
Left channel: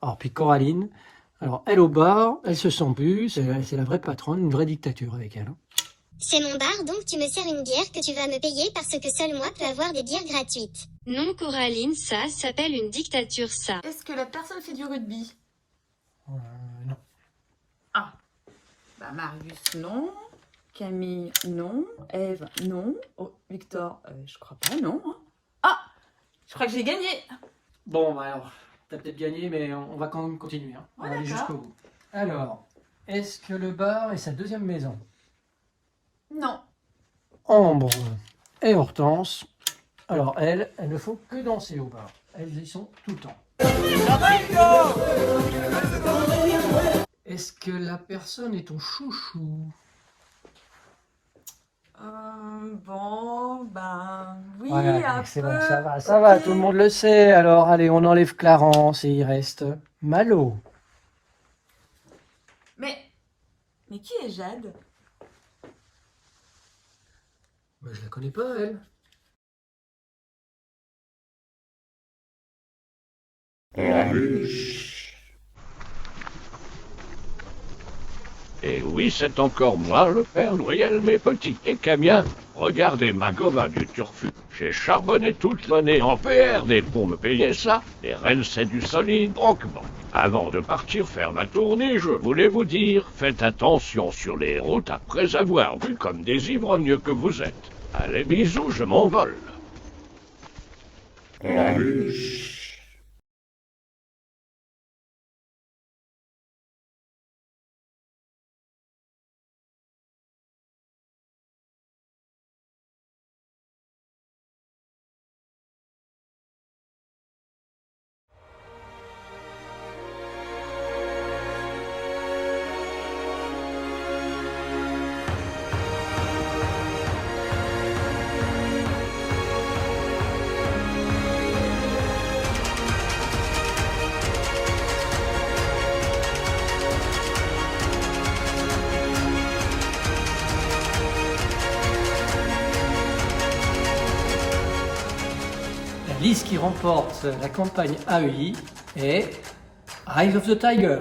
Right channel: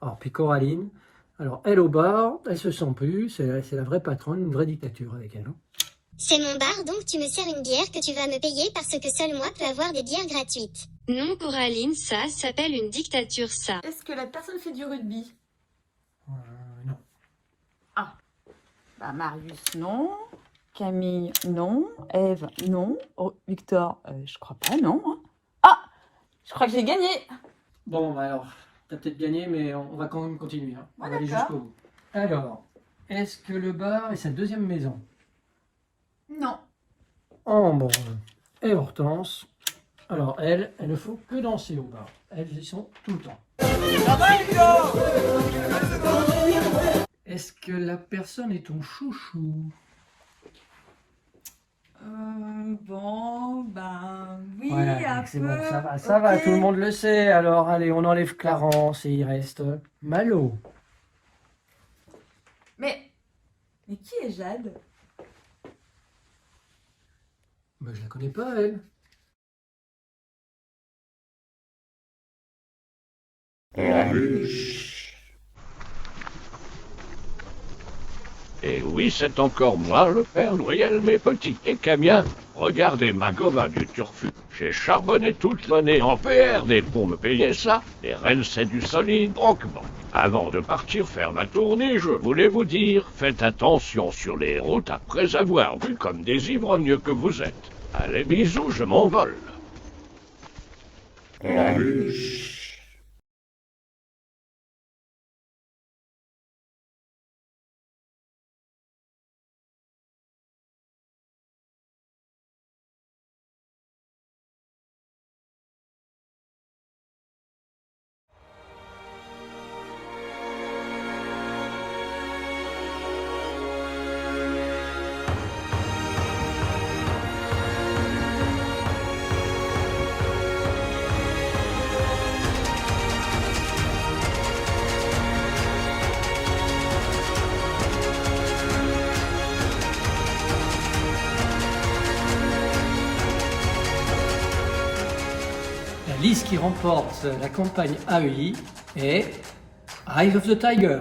Alors puis Coraline, alors elle au bar, elle se sent plus, c'est la vraie patronne, une vraie dictature avec elle. Hein. C'est mon bar, donc tu me sers une bière que tu vas me payer parce que seul moi peux avoir des bières gratuites. Non Coraline, ça s'appelle une dictature ça. Est-ce que la personne fait du rugby? Non. Ah. Bah Marius, non. Camille, non. Ève, non. Oh, Victor, je crois pas, non. Ah, je crois que j'ai gagné. Bon, bah alors, t'as peut-être gagné, mais on va quand même continuer. Hein. On va aller jusqu'au bout. Alors, est-ce que le bar est sa deuxième maison? Non. Ambre et Hortense. Alors, elles ne font que danser au bar. Elles y sont tout le temps. Est-ce que la personne est ton chouchou? Bon, ben oui, Ouais, un c'est peu. bon, ça va, tout le monde le sait. Alors, allez, on enlève Clarence et il reste Malo. Mais qui est Jade? Bah, je la connais pas, elle. Et oui, c'est encore moi, le Père Noël, mes petits Écamiens. Regardez ma goba du turfu. J'ai charbonné toute l'année en PRD pour me payer ça. Les rennes, c'est du solide. Donc bon, avant de partir faire ma tournée, je voulais vous dire, faites attention sur les routes après avoir bu comme des ivrognes que vous êtes. Allez, bisous, je m'envole. La liste qui remporte la campagne AEI est Eye of the Tiger.